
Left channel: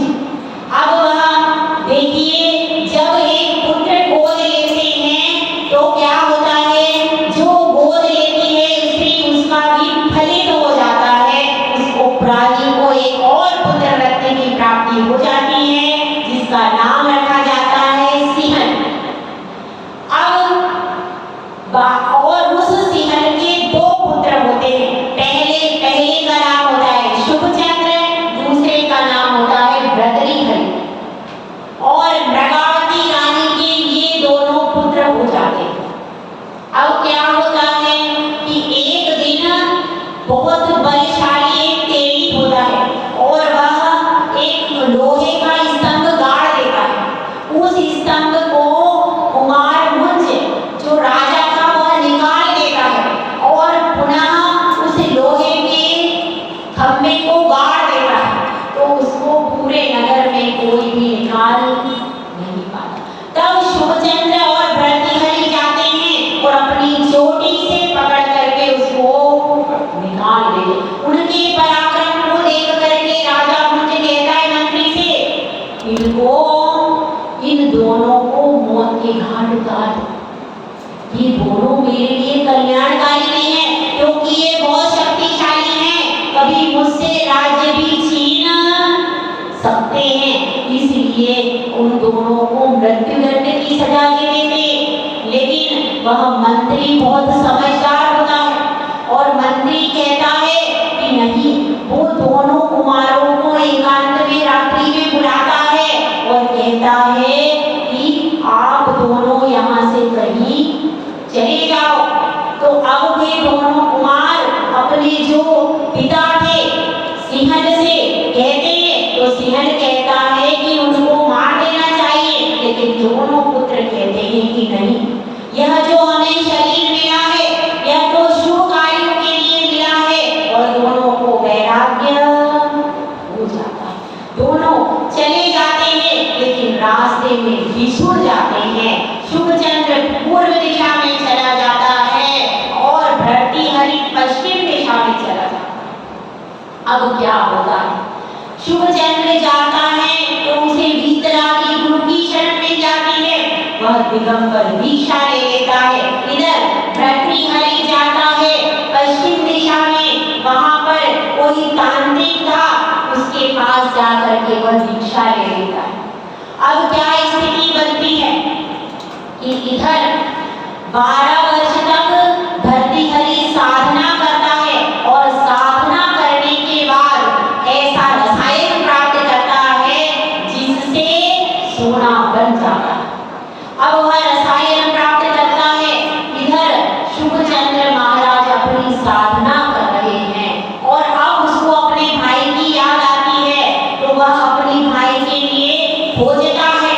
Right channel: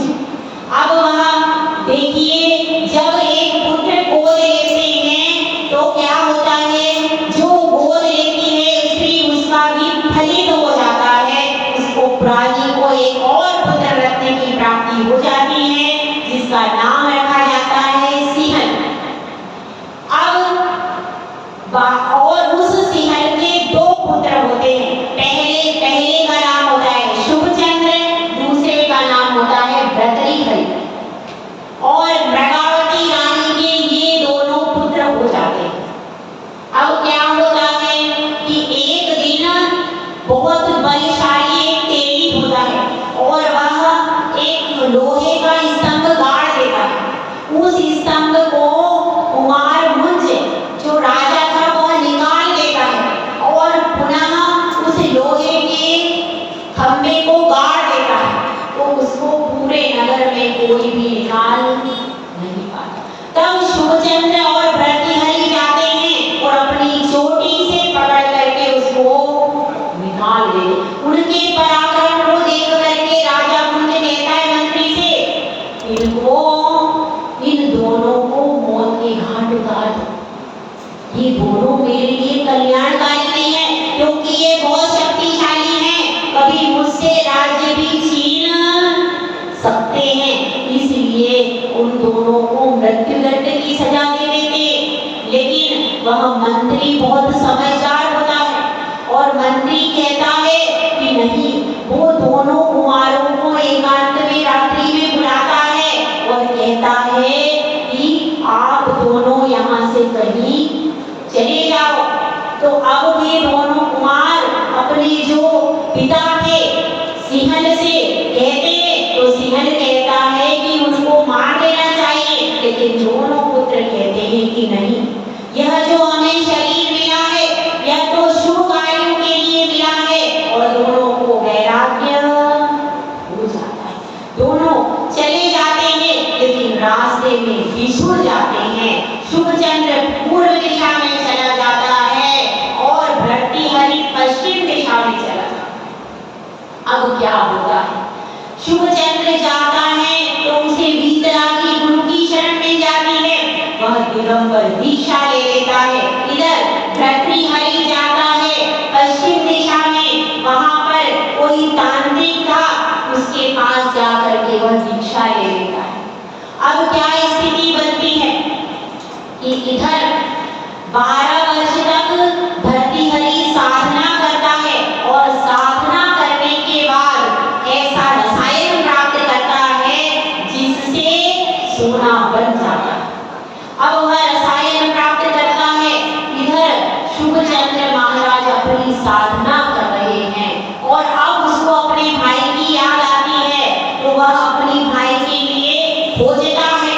अब वहाँ देखिए, जब एक पुत्र गोद लेते हैं तो क्या होता है, जो गोद लेती है स्त्री उसका भी फलित हो जाता है, उसको प्राणी को एक और पुत्र रत्न की प्राप्ति हो जाती है, जिसका नाम रखा जाता है सिंहल। और उस सिंहल के दो पुत्र होते हैं। पहले का नाम होता है शुभचंद्र, दूसरे का नाम होता है भर्तृहरि। और मृगावती रानी के ये दोनों पुत्र हो जाते हैं। अब क्या होता है कि एक दिन बहुत बलशाली एक तेली होता है और वह एक लोहे का स्तंभ गाड़ देता है। उस स्तंभ को कुमार मुंज जो राजा था वह निकाल देता है और पुनः उस लोहे के खंभे को गाड़ देता है, तो उसको पूरे नगर में कोई भी निकाल नहीं पाता। तब शुभचंद्र और भर्तृहरि जाते हैं और अपनी चोटी से पकड़ करके उसको निकाल देते। उनके पराक्रम को देख करके राजा मुंज कहता है मंत्री से, इन दोनों को मौत के घाट उतार दो। ये दोनों मेरे लिए कल्याणकारी नहीं है, क्योंकि ये बहुत शक्तिशाली हैं, कभी मुझसे राज्य भी छीन सकते हैं, इसलिए उन दोनों को मृत्युदंड की सजा दे देते। लेकिन वह मंत्री बहुत समझदार होता है और मंत्री कहता है कि नहीं, वो दोनों कुमारों को एकांत में रात्रि में बुलाता है और कहता है कि आप दोनों यहाँ से कहीं चले जाओ। तो अब वे दोनों कुमार अपने जो पिता थे सिंहल से कहते हैं, तो सिंहल कहता है कि उनको मार देना चाहिए, लेकिन दोनों पुत्र कहते हैं कि नहीं, यह जो हमें शरीर मिला है यह तो शुभ कार्यों के लिए मिला है। और दोनों को वैराग्य हो जाता है, दोनों चले जाते हैं, लेकिन रास्ते में बिछुड़ जाते हैं। शुभचंद्र पूर्व दिशा में चला जाता है और भर्तृहरि पश्चिम दिशा में चला जाता है। अब क्या होता है, शुभचंद्र जाता है तो उसे वीतरागी गुरु की शरण मिल जाती है, वह दिगंबर दीक्षा ले लेता है। इधर भर्तृहरि जाता है पश्चिम दिशा में, वहां पर कोई तांत्रिक था, उसके पास जाकर के वह दीक्षा ले लेता है। अब क्या स्थिति बनती है कि इधर 12 वर्ष तक भर्तृहरि साधना करता है और साधना करने के बाद ऐसा रसायन प्राप्त करता है जिससे सोना बन जाता है। अब वह रसायन प्राप्त करता है, इधर शुभचंद्र महाराज अपनी साधना कर रहे हैं और अब उसको अपने भाई की याद आती है, तो वह अपने भाई के लिए खोजता है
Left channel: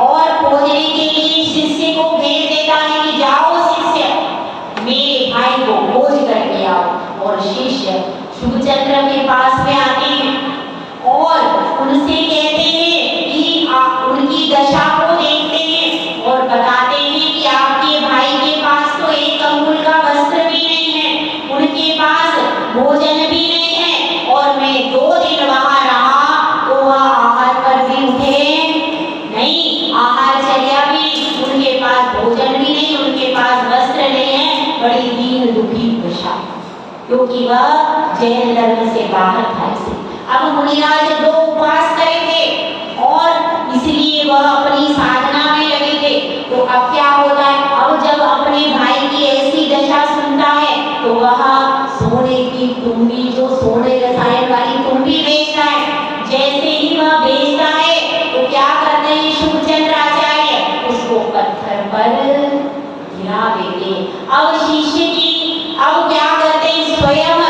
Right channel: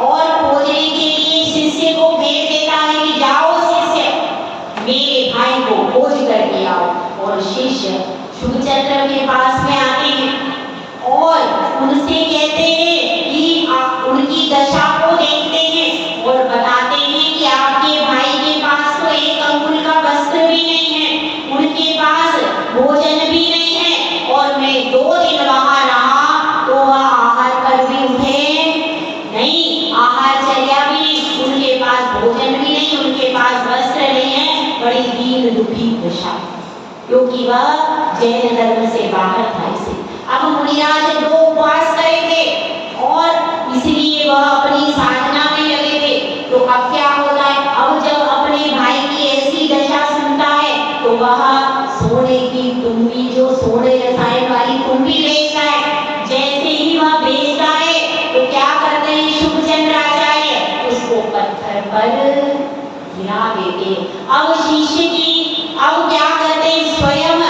और खोजने के लिए शिष्य को भेज देता है कि जाओ शिष्य, मेरे भाई को खोज करके आओ। और शिष्य शुभचंद्र के पास में आते हैं और उनसे कहते हैं कि आप उनकी दशा को देखते हैं और बताते हैं कि आपके भाई के पास तो एक अंगुल का वस्त्र भी नहीं है, उनके पास भोजन भी नहीं है, और मैं 2 दिन वहां रहा तो वह आहार पर भी उठे नहीं, आहारचर्या भी, उनके पास भोजन भी नहीं, उनके पास वस्त्र नहीं है, बड़ी दीन दुखी दशा, क्योंकि वह जैन धर्म से बाहर था। इसे अब मुनिराज 2 उपवास करे थे और इसलिए वह अपनी साधना में लगे थे। तो अब क्या होता है, अब जब अपने भाई की ऐसी दशा सुनता है तो वह सोने की तुम्बी, जो सोने रसायन वाली तुम्बी बेचता है, जैसे ही वह बेचता है तो क्या करते हैं शुभचंद्र आचार्य, उसको पत्थर पर गिरा देते। अब शिष्य की अब क्या करते हैं, स्वयं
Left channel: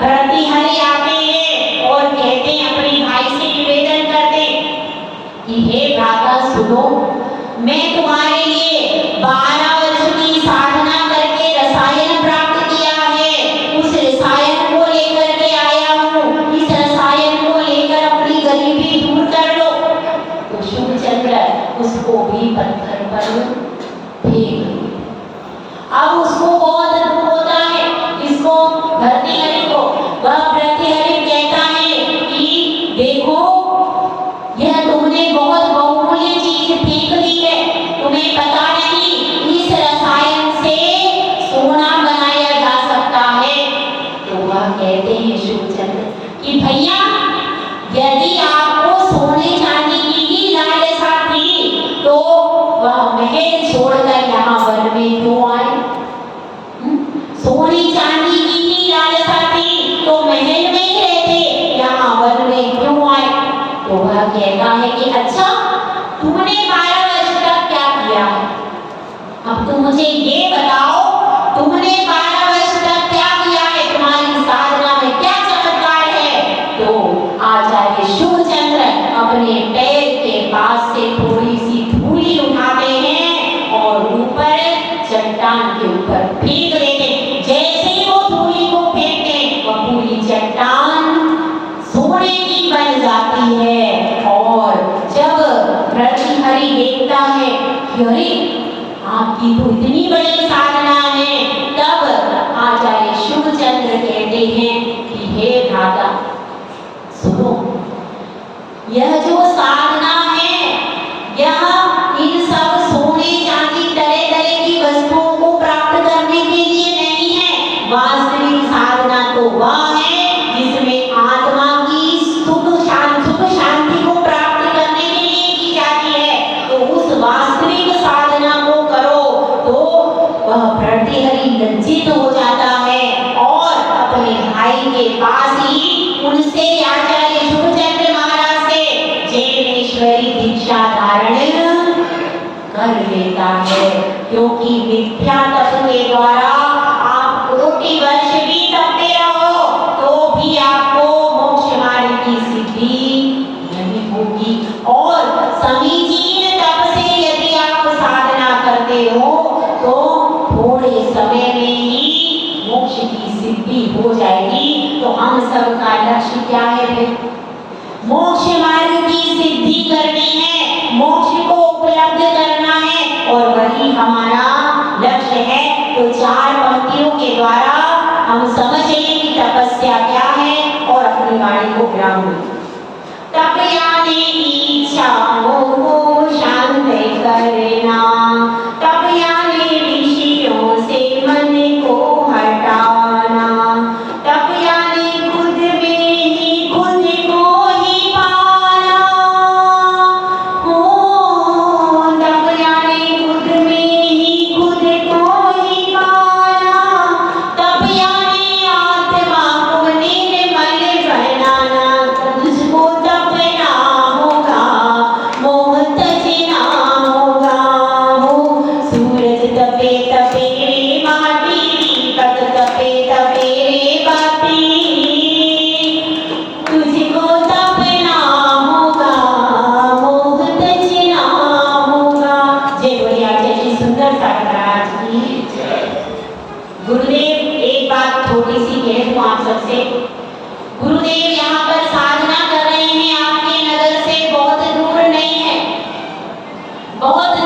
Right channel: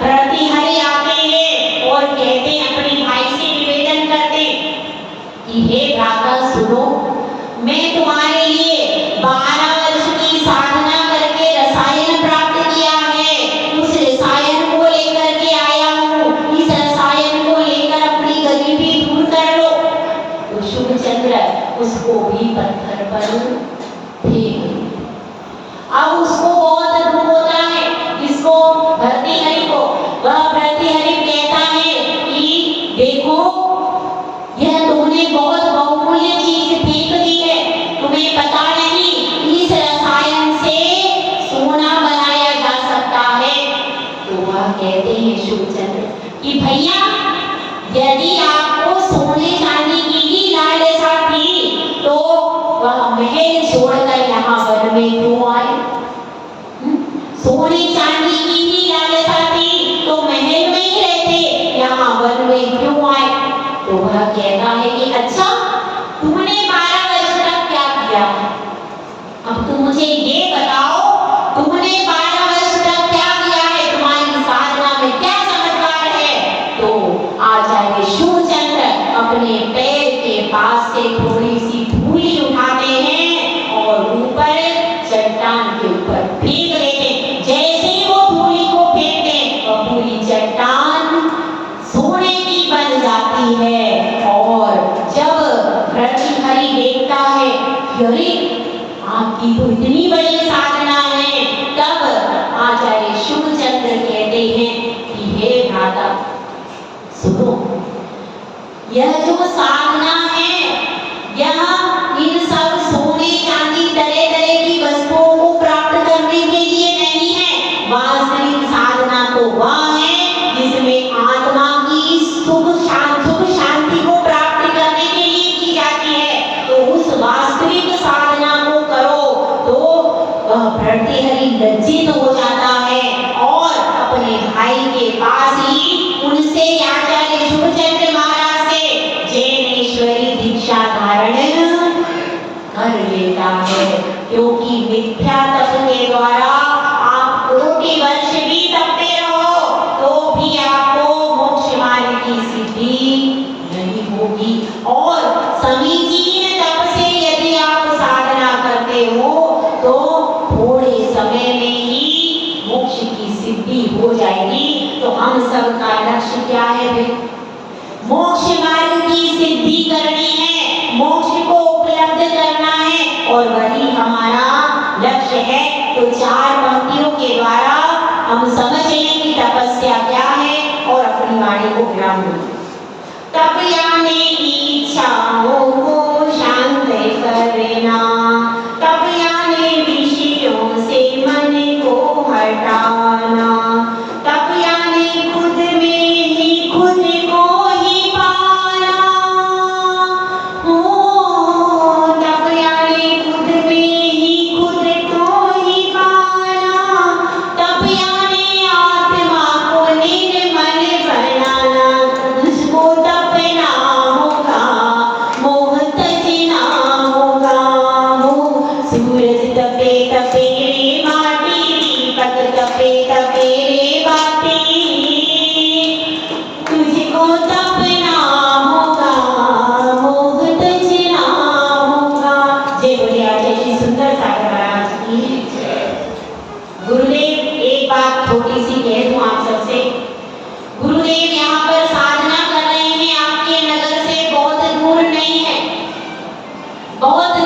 भर्तृहरि आते हैं और कहते हैं, अपने भाई से निवेदन करते कि हे भ्राता सुनो, मैं तुम्हारे लिए 12 वर्ष की साधना करके रसायन प्राप्त किया है, उस रसायन को लेकर के आया हूँ, इस रसायन को लेकर अपनी गरीबी दूर कर लो। तो शुभचंद्र उसको भी पत्थर पर फेंक। अब उसको बहुत दुख होता है, इसको भर्तृहरि को। वह भर्तृहरि कहता है कि देखो, यह तुमने बहुत बहुमूल्य चीज फेंक दी है, तुम्हें पता नहीं इस रसायन से सोना बनाया जा सकता है। तो वह कहते हैं शुभचंद्र कि भैया, यदि आपको सोने चांदी की ही लालसा थी तो वह महल छोड़कर यहाँ वन में क्यों आए? सोने चांदी की ही लालसा थी तो महल में ही रहते, यहाँ वन में क्यों आए? तो वह कहता है कि अच्छा, तुमने 12 वर्ष तक क्या किया है? अब तुम मुझे ये बताओ, तुमने 12 वर्ष तक क्या किया है? तुम्हारी साधना में क्या चमत्कार है? तो आचार्य शुभचंद्र अपने पैर के पास से थोड़ी सी धूली उठाते हैं और ऊपर चट्टान के ऊपर फेंक देते हैं। जैसे ही वो धूली को फेंकते हैं, वह पूरी चट्टान सोने की बन जाती है। और जब भर्तृहरि देखता है कि अरे, आपकी तो इतनी बड़ी साधना है, तब आचार्य शुभचंद्र कहते हैं कि हे भ्राता, सुनो, यह जो साधना है, यह इन सब सोने चांदी तरह तरह की वस्तुओं को प्राप्त करने के लिए नहीं है। वास्तविक साधना तो वह है जिसमें आत्मा की सुख शांति को प्राप्त करने के लिए की जाती है। तो उस वास्तविक साधना को करो। तो वह भर्तृहरि लज्जित हो जाता है और अपने भाई के पास ही उनसे आचार्य शुभचंद्र महाराज से जैनेश्वरी दीक्षा धारण कर लेता है। क्योंकि मिथ्या तप के द्वारा आप कोटि वर्ष भी तपते रहो तो भी आपको मोक्ष मार्ग की सिद्धि नहीं होगी। और समीचीन तप से यदि आप साधना करते हो तो थोड़े समय में ही मोक्ष की सिद्धि हो जाएगी। तो हम सबका लक्ष्य क्या है भाई? मोक्ष मार्ग की सिद्धि करनी है, मोक्ष को उपलब्ध करना है, और वही हमारा लक्ष्य है। तो 4 पंक्तियों के द्वारा हम समझ लें कि तपस्या क्या है और अपनी वाणी को विराम दें। तपयाने इच्छाओं को शांत करना, तपयाने विषयों से मन को हटाना, तपयाने खुद में ही खुद को ही पाना। हो, तपयाने खुद में ही खुद को ही पाना, तपयाने आत्मा को निर्मल बनाना। तुझको तपना होगा, मोह तजना होगा। हो, सूरज तपे तपे रे माटी, दीपक तपे तपे रे बाती। तुझको तपना होगा, मोह तजना होगा। जय बोले आचार्य श्री सुंदर ठाकुर महाराज की जय। गुरुदेव, एक बात छोटी सी कह दूं आप सबसे। गुरुदेव यहाँ पर साधना कर रहे हैं, आपके नगर से बहुत दूर नहीं है, बहुत